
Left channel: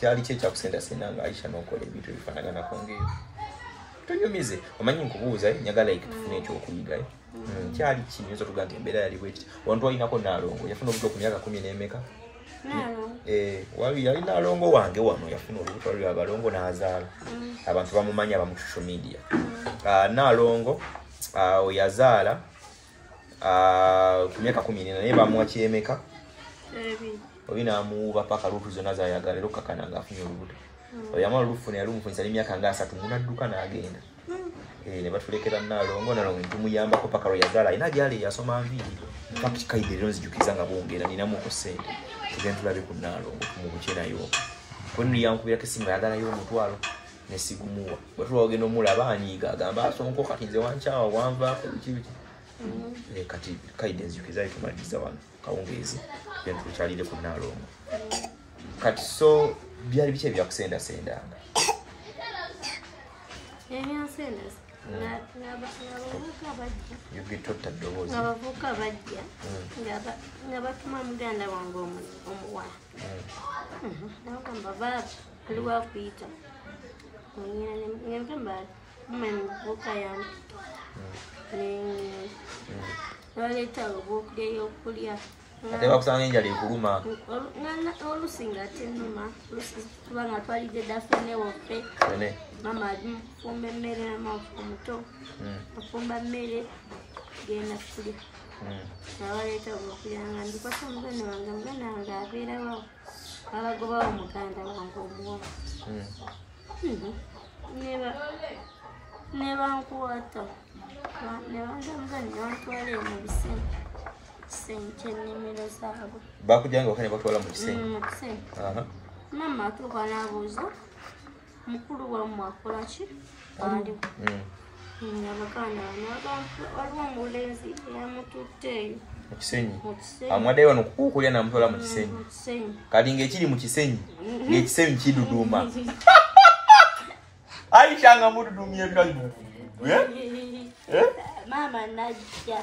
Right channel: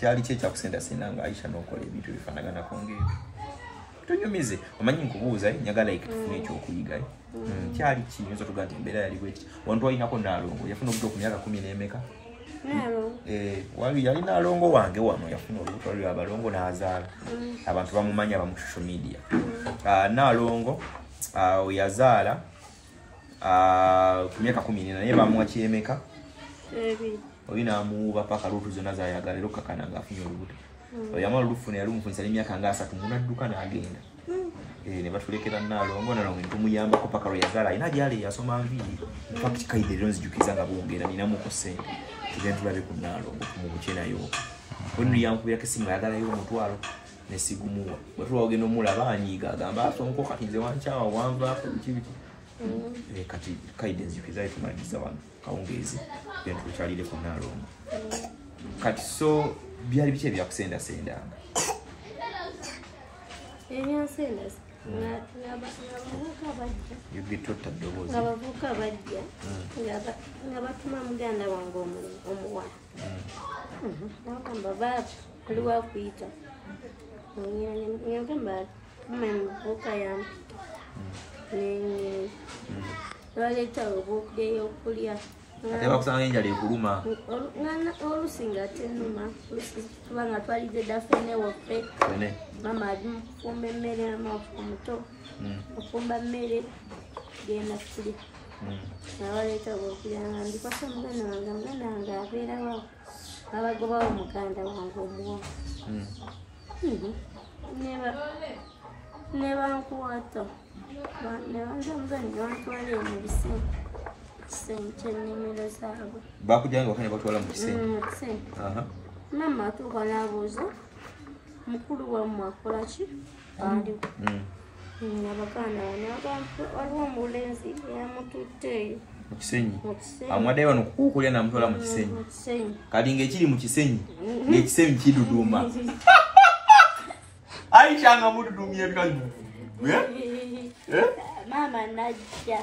kyali kyekyakusendasenda nga Aisha n'okola ebintu ebifaanaganako ng'ebyo tonyumize omanyi nkubuuza nyagala ekitufuna ekyokuyiga kyali kiyinza tuga nti embeera yali bweti wantu walinako Naalongo yafuna obuto ku myaka 10 n'emeka wali yali Naalongo wange wano yafuna olubuto wali abalongo n'azaala abantu bamumanya abamu social media Naalongo yazaala ku myaka 10 naye bamuwa kyemeka obi n'amuwuba paka luutu zonna zayagala era okakana ng'afunye olubuto oyamala olufuna yalumufunisa n'emyaka nga 3 munadduka n'agenda ne batulekera Naalongo ntumuyambako paka lwe yazaala alina gyali yasoma nviiri kaide rero nzijukiza nga bongera ninamuko ssente tugenda tulabe ku Naalongo tumubuke nayo bwe yankubirako essimu yagalayo omutwalo nesigumuwa bwe tulwagenda omulaba anyiiga agamba asonko kati nze wankyawa wanvaako biki kati kaide nzijukiza etumaliza wano kawungeezi genda tukyalire ku Naalongo kati so byali biki ebyakusendasendanga ebyansendasa abavubuka bajja nga batuma muganda wange omuwala nagamba aliwo akuyita ngamba muma muvubuka yange baleeta obuude yokulya ate bakusanga enjala ekuluma olusi nga tenuma kubanga twalidde dafene waffe mama ali mufumba emmere omuto afumba mmere genda kulya nabaleeta obukulya nga ndikwasa omuganda wange abeerawo abagobawo muganda wange omuwa nebankwata nebanza muganda bantwala mu bisenyi kyennimiro zaabwe bakujjanga wakane batwala mu kisenyi mama atuuka n'abuuza mukulu wammwe akola ki aliwo abaganda waliwo omulenzi yamututte eyo mu kisenyi amwaddeyo wano kukulya namutwala mu kisenyi kati ng'ekiri mu kisenyi ng'ekisenyi kiduduma Aisha nga mududumye kazi mama najja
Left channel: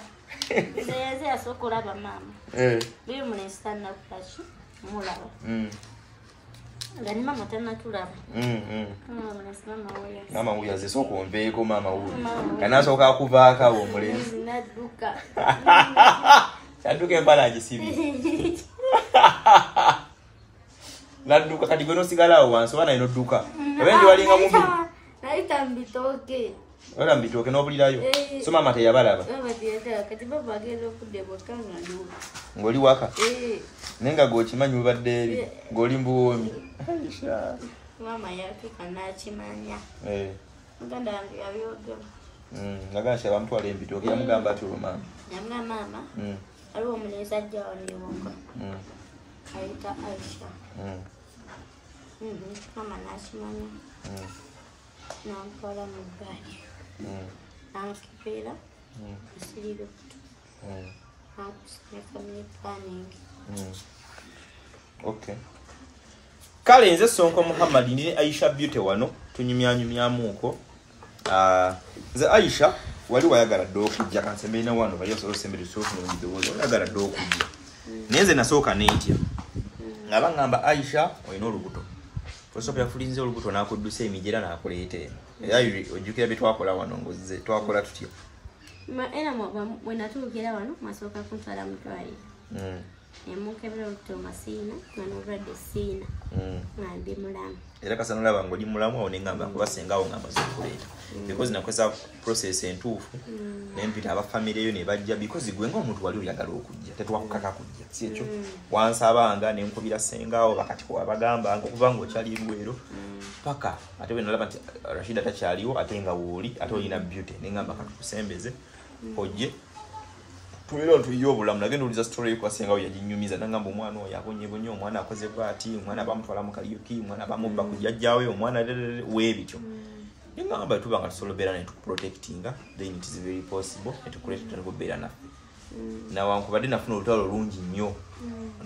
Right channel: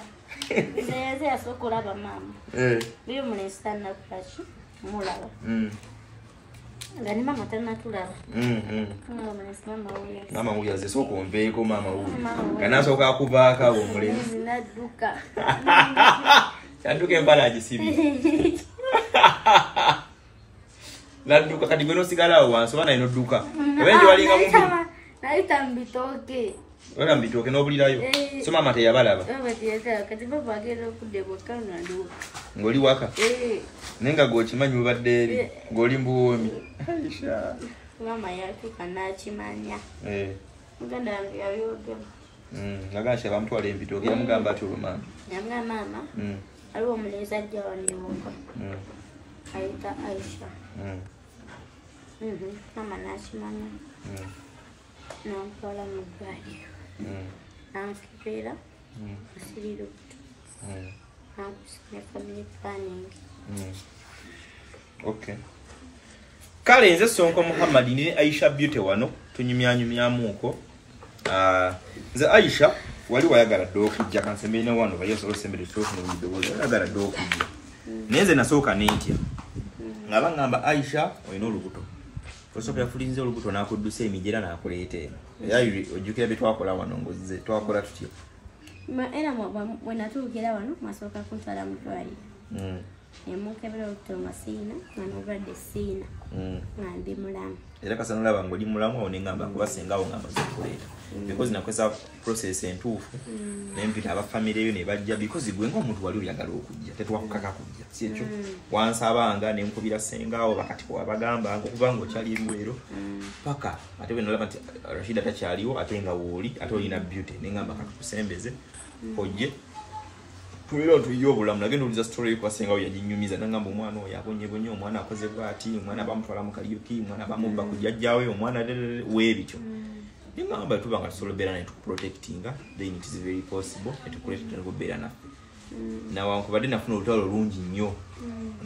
nze yasooka olaba mama biri mulenzi tannakulaki mulaba nga ni mama tannatulaba mama wuyaze sooka ombeeko mama wuyo kanasooka akuvaako abo omulenzi nadduka kyadduka embala agisibye nadduka kati gwe nosigala awo wansi oba naye nodduka obenji walinga mubiri nayita mbitooke wala mbitooke n'obulirayo so mama teyabalaba kati baba agenda okudde bwekka nga ndiwo ng'oli waka naye nga gwokimanyi obadde eri ng'oli mbuwoomi mama yatuuka n'akimanya muganda wange yabyogera naga nti abamutwala embitooke yamugamba ati olumama yamugamba mama aliwo omulenzi ajja waniwonga ayita Aisha mama n'akimanya namutwala mu ddwaliro namukebeera asirira okutu nakusinya family planning okay kale nze Sonko Muhammad ne Aisha Beauty wano tunyumyanyumyamuuko nze Aisha wali wayagala dde okujja kansembeina wano bayosobola osembere tofuna ebidowoozo wayagala dde okujja naye nze nasooka neetya nga baŋŋamba Aisha olina olubuto osooka yafulinze olubuto n'akuddusa emijera n'akuleeta eno era ojjukira bye twakola wano ngozze twakola tutya era bwe natuukira wano mwasooka kuntwala mu ddwaliro emukebera olubuto nga siina nga n'obulwadde siina nga ndi mulamu era kasana olaba ng'oli mulamu awo neŋŋamba kuba sengawo ng'amaze okuleeta because nakozesa process entuufu nempita abafamire eyo ne bajja because gwe ng'omuntu wali oyagala okujja tetwakukaka kujja si ekyo wansabanga ne nkubira sengawo bakati wabagambanga okuva ng'okyali ebiweero paka ate bwe nolaba nti Rashida takyaliwo ate nga wooli ate olina Beauty neŋŋamba katukusembeze ojje tulero tuyo obulamu nagenda uliza story kwa senga yajinyumiza nangamba omwana oyo abonye omwana akoze bwati omwana bamutwala mu kaliyoki omwana bamubba kujjajjawe omwana webityo ningamba tubanga tusolobera ne tuprotectinga then it is very possible to create to better na na wankubadde nafuna olutalo lungi nnyo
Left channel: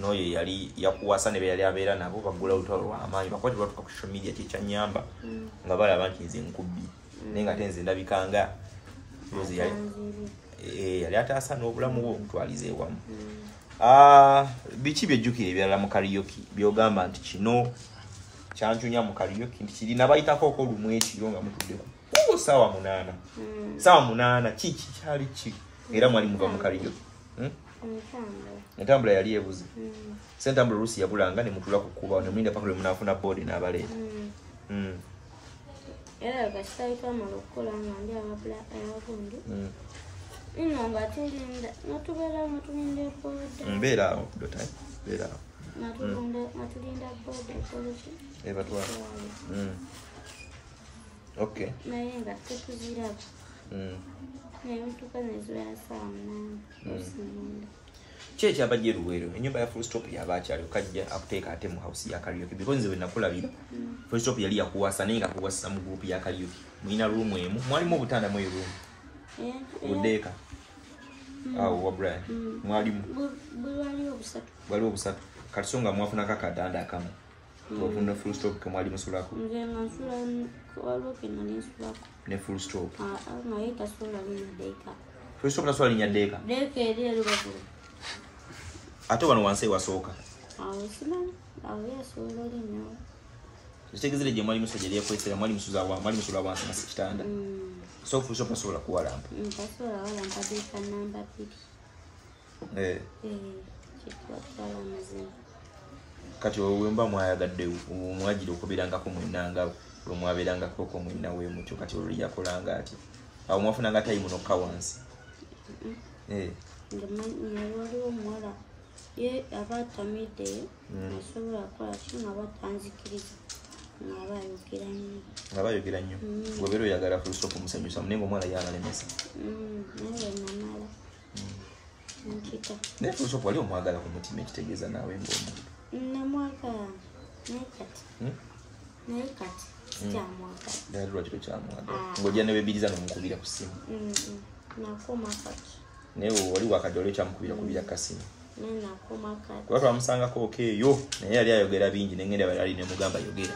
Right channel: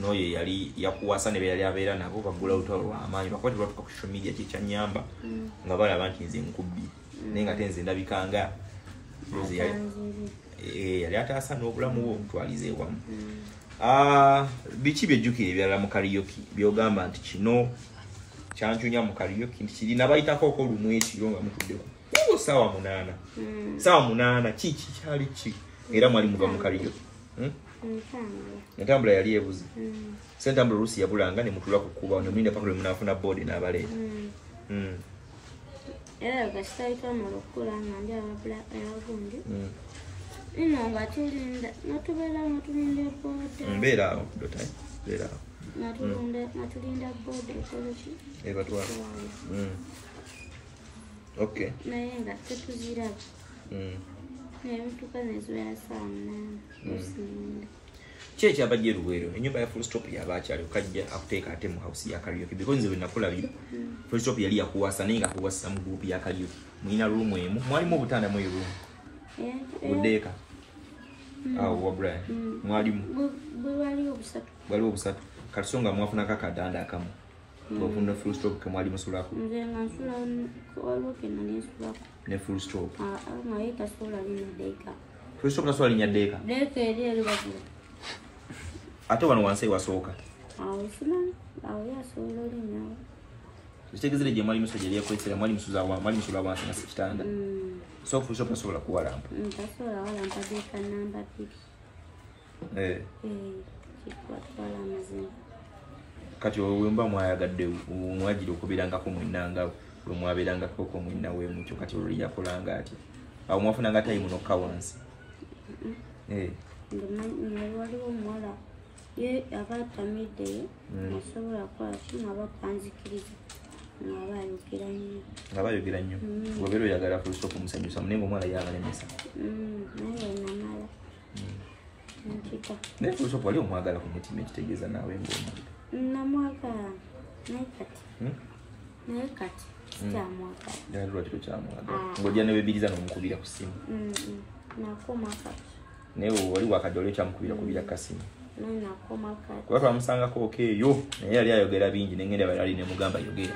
noyo yali yakuwasa ne yali abeera nabo bagula olutalo lwa amaanyi bakwati batuka ku social media kicha nyamba nga balaba nti nze nkubbi nenga tenze ndabikanga yozi yali ataasa n'obulamu bwo omutwalize ewamu biki byejjukira ebirala mu kaliyoki byogamba nti kino kyanchunya mu kaliyoki nti kirina bayitako okolumu ekiro nga mutuddeko saawa 8 saawa 8 kiki kyali ki era mwali muva mu kaliyoki entambula yali ebuze sentambula olusi yabulanga ne mutula ku kuba nomwinde paka lwe munafuna board n'abaleeta era kasitaitwa malokula nga ndi ababula ayagundi nga tulinda natubeera nga tulinda boda mbeera dota beera natulinda boda ekoleki ebatwala okay naye nga tetuziraba naye mutuka nezibeera saa 8 Cheche abajje Luwero enyumba ya Full Stop yabakyali kajja akuteeka ate mu house ya karaoke because nze nakulabira Full Stop yali yakuwasa nenga kuwasa mu group ya karaoke mwina room emu mwalimu obutanda mu room udeka wa Brian mwalimu bali obusatu katusonga mwafuna kakadanda akamu wafuna Full Stop ke mwalimu sulako nze ngansula kwaloke na nesulako ne Full Stop ngaita sola linya deka Full Stop na sola linya deka eri elubagula ate wano wansi wasooka simani yasobola olinyawo kitegezere gye mwalimu sojeri yakozesera mwalimu sula wansi na kitanda so Full Stop asobola kuwalampa tasobola walampa deka namba 2 kitwatwala amazima kati olwemba mwayagadde mwajira okubirangako mwenanga lwemwaberangako ko mwina wemutyo kati olwo yakolanga ati awo mwafunanga tayimu nokka wansi waliwo omuwala ye abatamiddeyo asobola kukola ki nga batanzikiriza nga bayogera nnyo ngobeera oyagala Full Stop musanyusa naye ngaomwala yabalemesa naye wenamala nkita naye Full Stop wali omwagala ku mutima ekitegeeza naawe ng'omuntu namwagala naye kati sikyamwagala ddala lwaki tokyamwagala ng'ojja newebiriza n'omukubira ku ssimu nakoma kati naye wali wakadde oli okyamukubira kasimu nakoma kati kuba twamusangako okeeyo naye yali ayogera bingi nengenda bali nemugamba yogera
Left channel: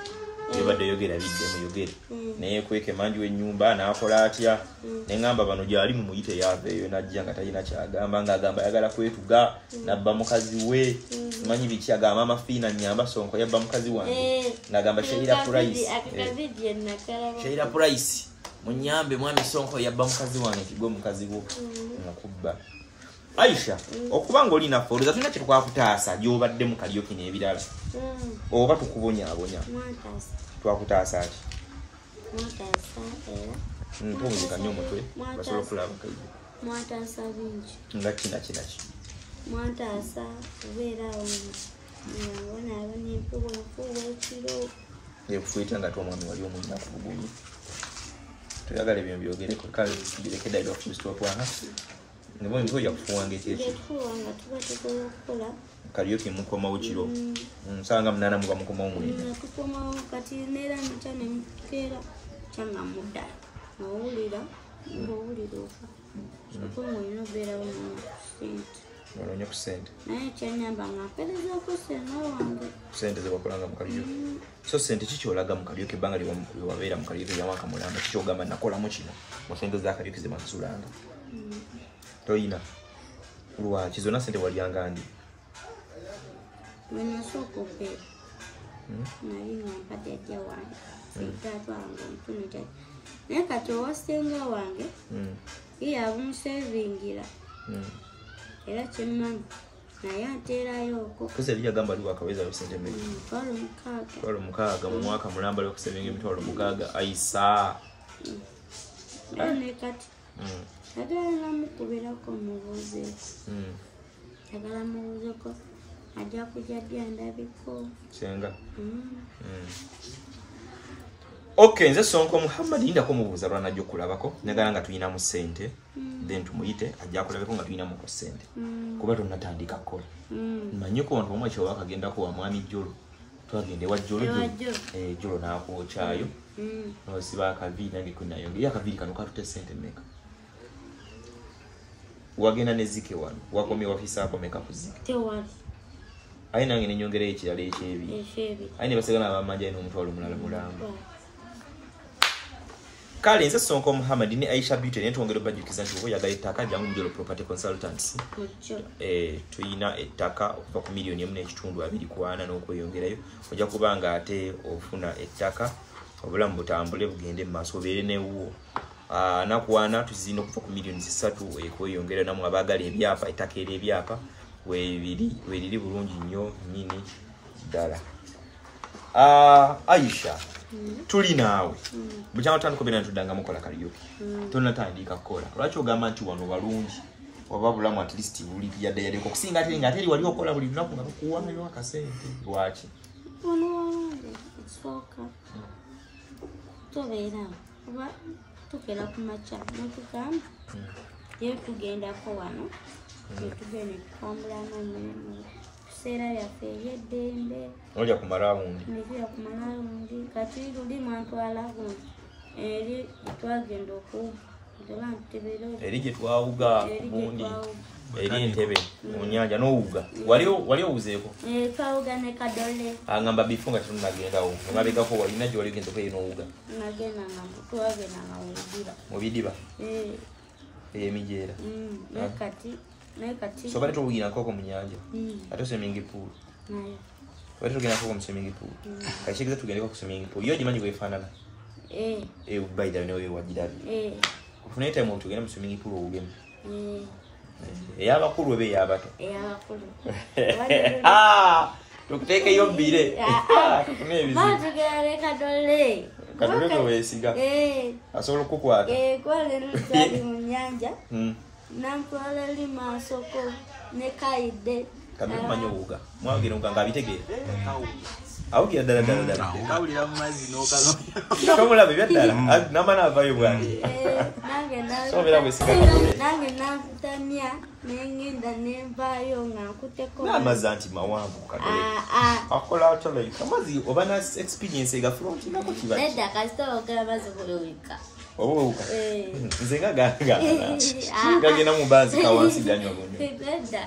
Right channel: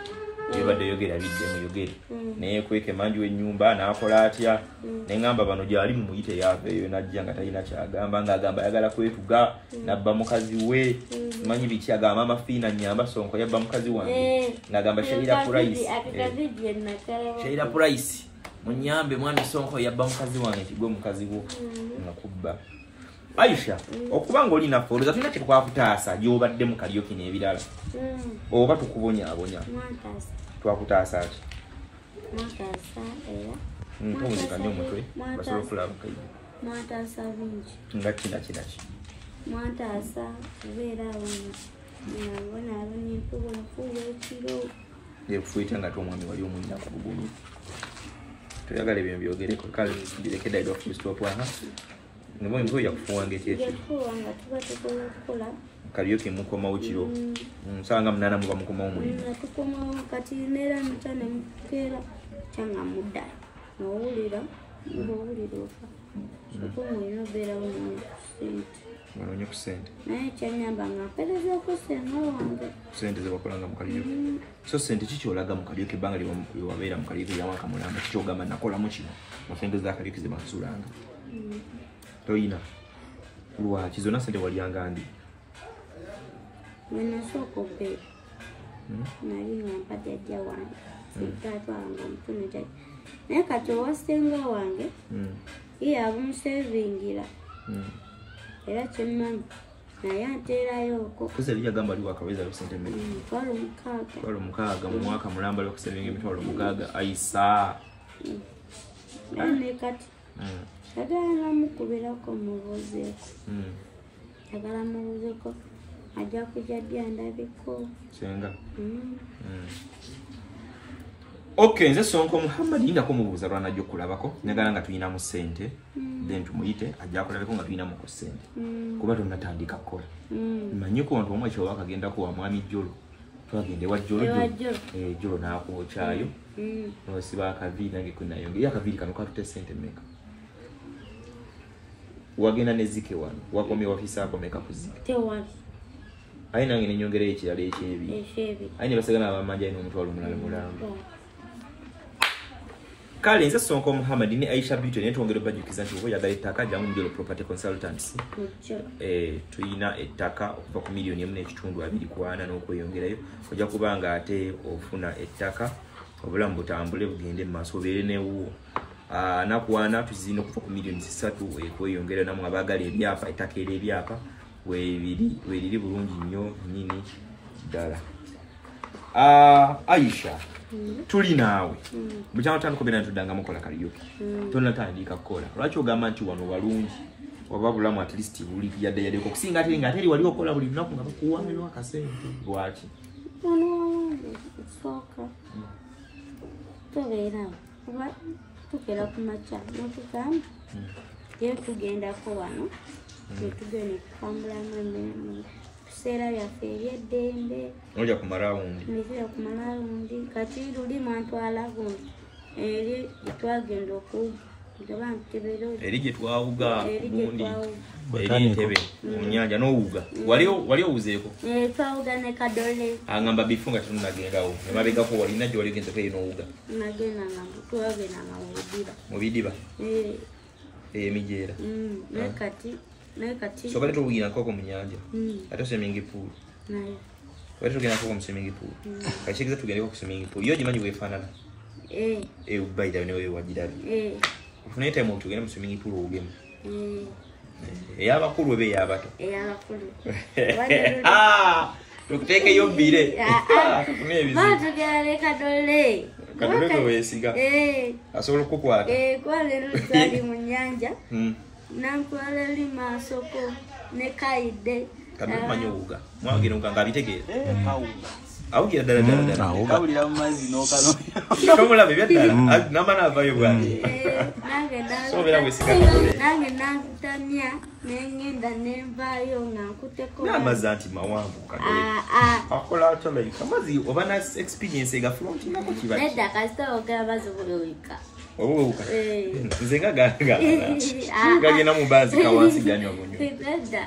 yebadde yogera biddemu yogere naye kweke manji w'ennyumba n'akola atya neŋŋamba bano gyali mumuyite yaaveeyo najja nga talina kyagamba ng'agamba ayagala kwetuga nabba mukazi we manyi biki agamba amafiina nnyamba Sonko yabba mukazi wange ng'agamba Sheila Price munyambe mwami Sonko yabba mukazi wange nti gwe mukazi wo nakubba Aisha okubanga oli naffe oluza tulina kye twakutaasa gy'obadde mu kaliyoki n'ebirala oba tukubonyaabonya twakutaasa ati mpumuzika nnyo omutwe basobola okulaba kaidi mwataasa bingi nga kinaki mwataasa kubeeraawo ngabona abanempuwa enfuuwa ekiro efuita nga twomwami wali omulina ku bugulu tuyagala ebyo byogereko kale gireke daida Full Stop wana nebo ntoya kufuwanga ekyekyo tufuwanga tuba tukola okukola kaliyoki mukomawo kiro nsanga munana muba mukomawo mulina tukomawo kati neera nca ne mukeera kyanga mudda ng'owulira ofa soko ng'olina obeerawo noonya ku ssente naye kyanyamba nga mperezaako senga wange ssente zewakolanga mu kaliyoki so ssente kikyolaga mu kaliyoki ebbanga lyewabeera mu kaliyoki yawanka mulamba kikyogamba nakolamu kino mu ssente za kaliyoki zemakusulanga toyina lwaki zonna ssente walyanga ndi wenasooka obeera nali nga mpadde ajja wange sitatwalanga omutuno jajja naye kati owasenga wange ye abumusevingira era kyemmanyi naye ateerayooko kusa eri yagamba ali wakawezayo ssente mmeka mitwalo 6 mu mwaka mulamba lwokusevinga emitwalo 6 aisa ne kati yagala namukubirako mubuuzeeko yagala mubuuzeeko ajja kujja dya ndabiko senga Okay, nze Sonko Muhammad inda ko mubuza lwana jjo kulabako nyagala nga tuyina mu sente then tumuyite ajja kulabeko nga tuyina mu ko sente kuba tunatandika kola manyi ko nto omwe kyo wakagenda ko wa mwami Jolo twagende wa Jolo Jolo na ko chayo no siba akaviri nange kunayo ya akaviri kano katute sente meka wagenda nezike wano wakomye wafisa akomeka kuzike tewali aina ngene nyongere ekirala ekyebi aina basagana abamanja ino omutwalo mulala mulamba kale nze Sonko Muhammad ni Aisha Beauty ne twongere bajukiza nti oya gaitaka jamu Mjolo Property Consultants tuyina ettaka okuva ku milioni 1.2 kwana n'okweyongerayo ojja kubanga ate ofuna ettaka obulamu butambule bugende mu maaso beere newo nakuwana tuzina okuva ku milioni 3 ekweyongera namwe abagala ebyapa ettaka ebyapa weeriri bulungi nnyo nnyini ddala Aisha tuli naawe bukyama tandika bena tudanga mukola kaliyoki tonatandika kola lwaki ogamba nti wano balungi oba bulamu at least buli yadde ko kusinga ate wali okola buli lunaku nga bakuwamira akasente lwaki soka tobeera oba tukera ku macha n'okugamba yewe tugendako wano tugenda kutambula amane sera byaffe eby'eddembe oja kumala wundi nijja kumala wundi kati luli mwantwala gundi eri twagenda okuba ntebero eri gye twawuga bundi eri ntebe mu nyanja n'owuga wali owuzeeko twawuga ne Kadole angamba before nga tunagendawo emabegako walina gye wali ogenze kweyo n'owuga nagendanga twagendanga mu bidiba emijeera nakati so bali tuwugira nkoko mu nyanja ate swimming pool nayo bali tugenda nkoko mu swimming pool kakikiza tugende ku swimming pool yo gimanyi weefaanana ubaida newe wagirabi ufune time tugenda mu swimming pool owugemu ey'abakulu ebe ey'abato tukuteekeyo bbire tufune ebizibu tugenda Kadole Kadole ko weesiga asobola okukwata kwale n'utwali mu nyanja nankole li masoko ne kaide Kadole manyo owuga mwagire nga abitegeera awugira ddala awulira mu mazzi n'okalo tomulaba ebyaddala namana avayo bwange nange nakutanya nengenda nenvayo nga nkuteko n'amazzi anti mawanvu Kadole akola atolaika amazzi oba na experience egafulonti nako kiba nedda kasita ogera amazzi buli wika oba wewuka nze nga gagenda mu mbanzi kawansi ganywa munyo nedda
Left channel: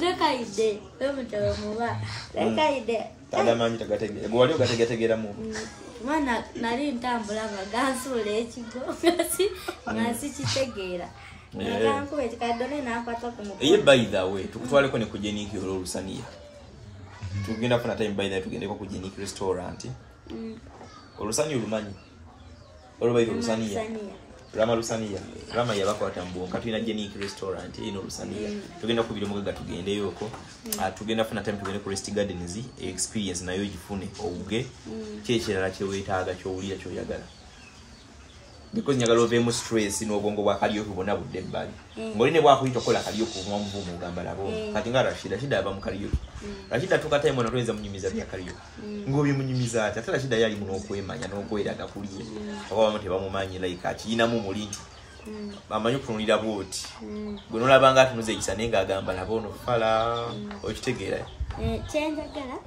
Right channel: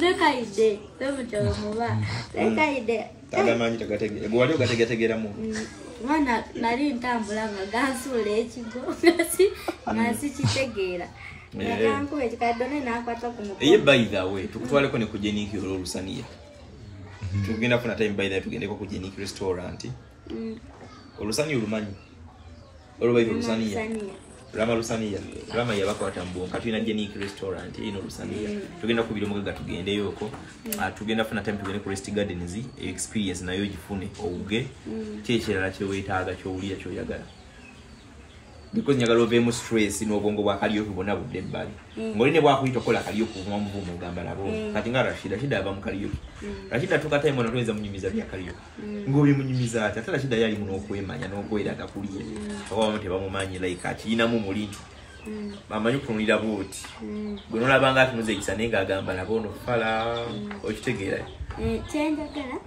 dekaide tomutowe muba dekaide tagamanyi tagategera gwe wali ogategategeramu mwana nali ntambula nga gansuula ekigo nga sikitegeera nakankuba ekikadone nakwata ku mukono eye by the way tukutwaleko ne ku Jeniki olw'olusaniya tugenda kufuna time by the way tugendeko ku Jeniki restaurant olusaniya olumanyi olwaita olusaniya Rama Lusaniya Rama yabakwata mbonka tulina Jeniki restaurant ino Lusaniya tugenda kubira mugaga tugende yoko tugenda funa time tugende ku Rest Gardens experience nayo gifune ouge kyekirala kyewetaaga kyowulira kyoyagala because nyagala ovemu stress n'obwongo bwa kaliyoki bwonna budde ebbali ng'oline bwakuyita okola kaliyoki omwamuvumu ogamba labo kati nga Rashida aba mu kaliyoki Rashida tuka time ono toyinza munyumiza bya kaliyoki ng'obimunyumiza ati ate Rashida yali muno okwemanya n'okweraga kuliye oba bamu tebamumanyi like akiyinamu mulintu bamanyi okutunulira bwoti gwe n'olabanga atunuza ekisa naye ng'agamba labo ono fala okitegeera kyenjagala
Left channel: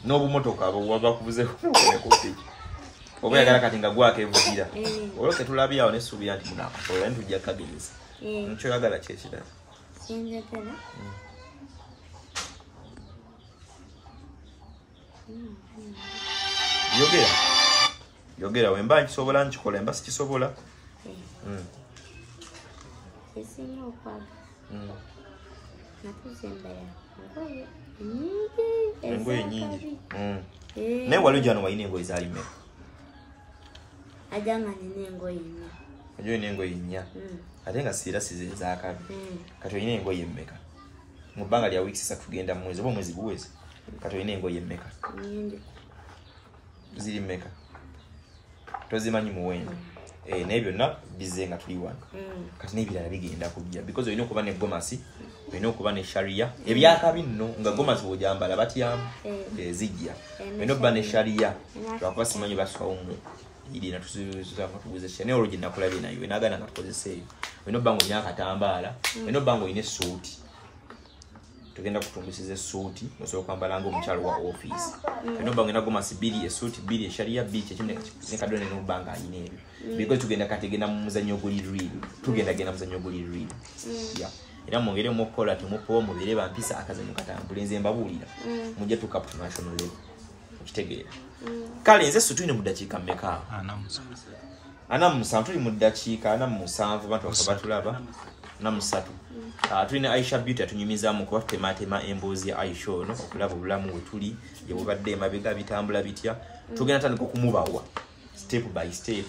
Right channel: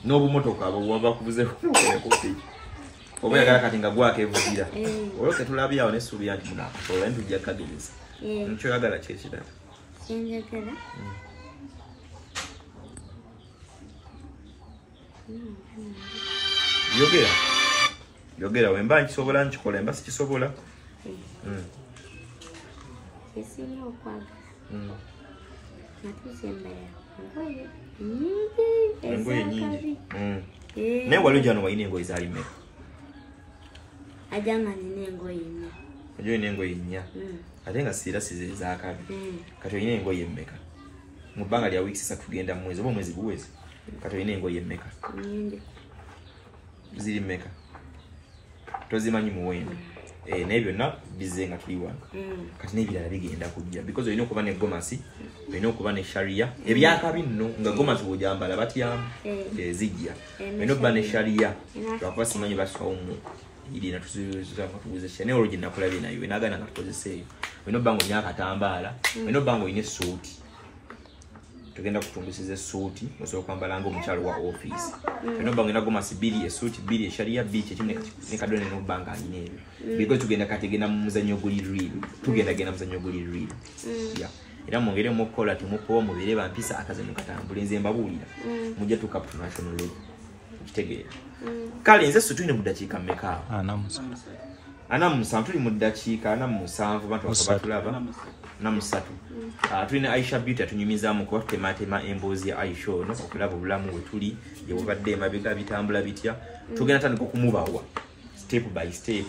n'obumotoka abo bwabakubuzeeko n'okolekopiki oba yagala kati nga gwako evugira olwoke tulabye awo n'essuubi nti munakusobola ntujja kkagereza nkyo yagala kyekirala kyenjagala yogera wemba nkisobola nkikola emba sikisobola esinga okwagala natuzembaya engoye nyingi naye wali ojano walina engoye zaali mmeka ajanga nina engoye nnya ojo olina engoye nnya ate nga siira siziri zaakabi kati olina engoye mmeka mu bbanga lya wiiki 3 tugenda mu mwezi oba omwezi guwezi kati olina engoye mmeka ziri mmeka tozimanyi muwendo naye byonna bizze nga tuli wano kati n'ebirala bigenda kujja because olina okuba ne gomasi olina okuba ne sharia ebyakabi nno nga gomasi bw'ojambala batyamu zijja olina okuba ne sharia lwakuba simanyi baswawo mu irina tuguza naye olwo gye nakulabye nayo naagana nga tukozeseeyo olina obba nga olina akatambaala olina obba nga olina essuuti tugenda kutundusiza essuuti osobola okwambala ng'omukyalo wa office olina obba nga olina gomasi 2 essuuti 2 esharia 2 kyekimu ne kadone n'obba nga alina ebyo because tugenda kategenda mu muzannyo guli real tugenda muzannyo guli real era mwongeremu okukola temupowa mubeere bampisa akaze mukatambula nze mbabuulira mujja tuka ku national level okitegeera kale nze situine mu ddakiika mmeka ana musanvu tuli mu ddakiika 47 bantu bakabatulaba na musatu tulina Aisha Beauty atunyumizaamu kuba tutematema emboozi ya Aisha ono okulaba obulamu bwe tuli gye bubadde emabega bitambula bitya tugenda tandika okumubawa step by step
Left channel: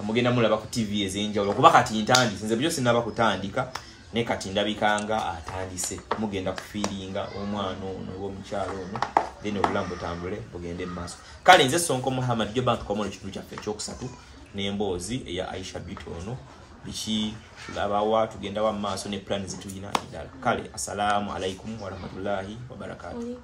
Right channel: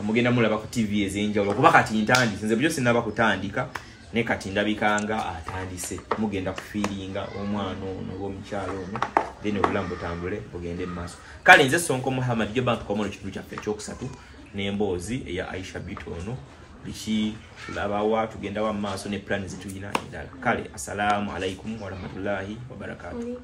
mugenda mulaba ku TV ez'enjawulo kuba kati ntandise nze byo sinaba kutandika ne kati ndabikanga atandise mugenda kufiiringa omwana ono omukyalo ono then obulamu butambule bugende mu maaso kale nze Sonko Muhammad gye bantu komono kitundu kyaffe ekyokusatu n'emboozi eya Aisha Beauty ono biki tulabawa tugenda wa maaso ne plan zituyina endala kale assalamu alaikum wa rahmatullahi wa barakatuh.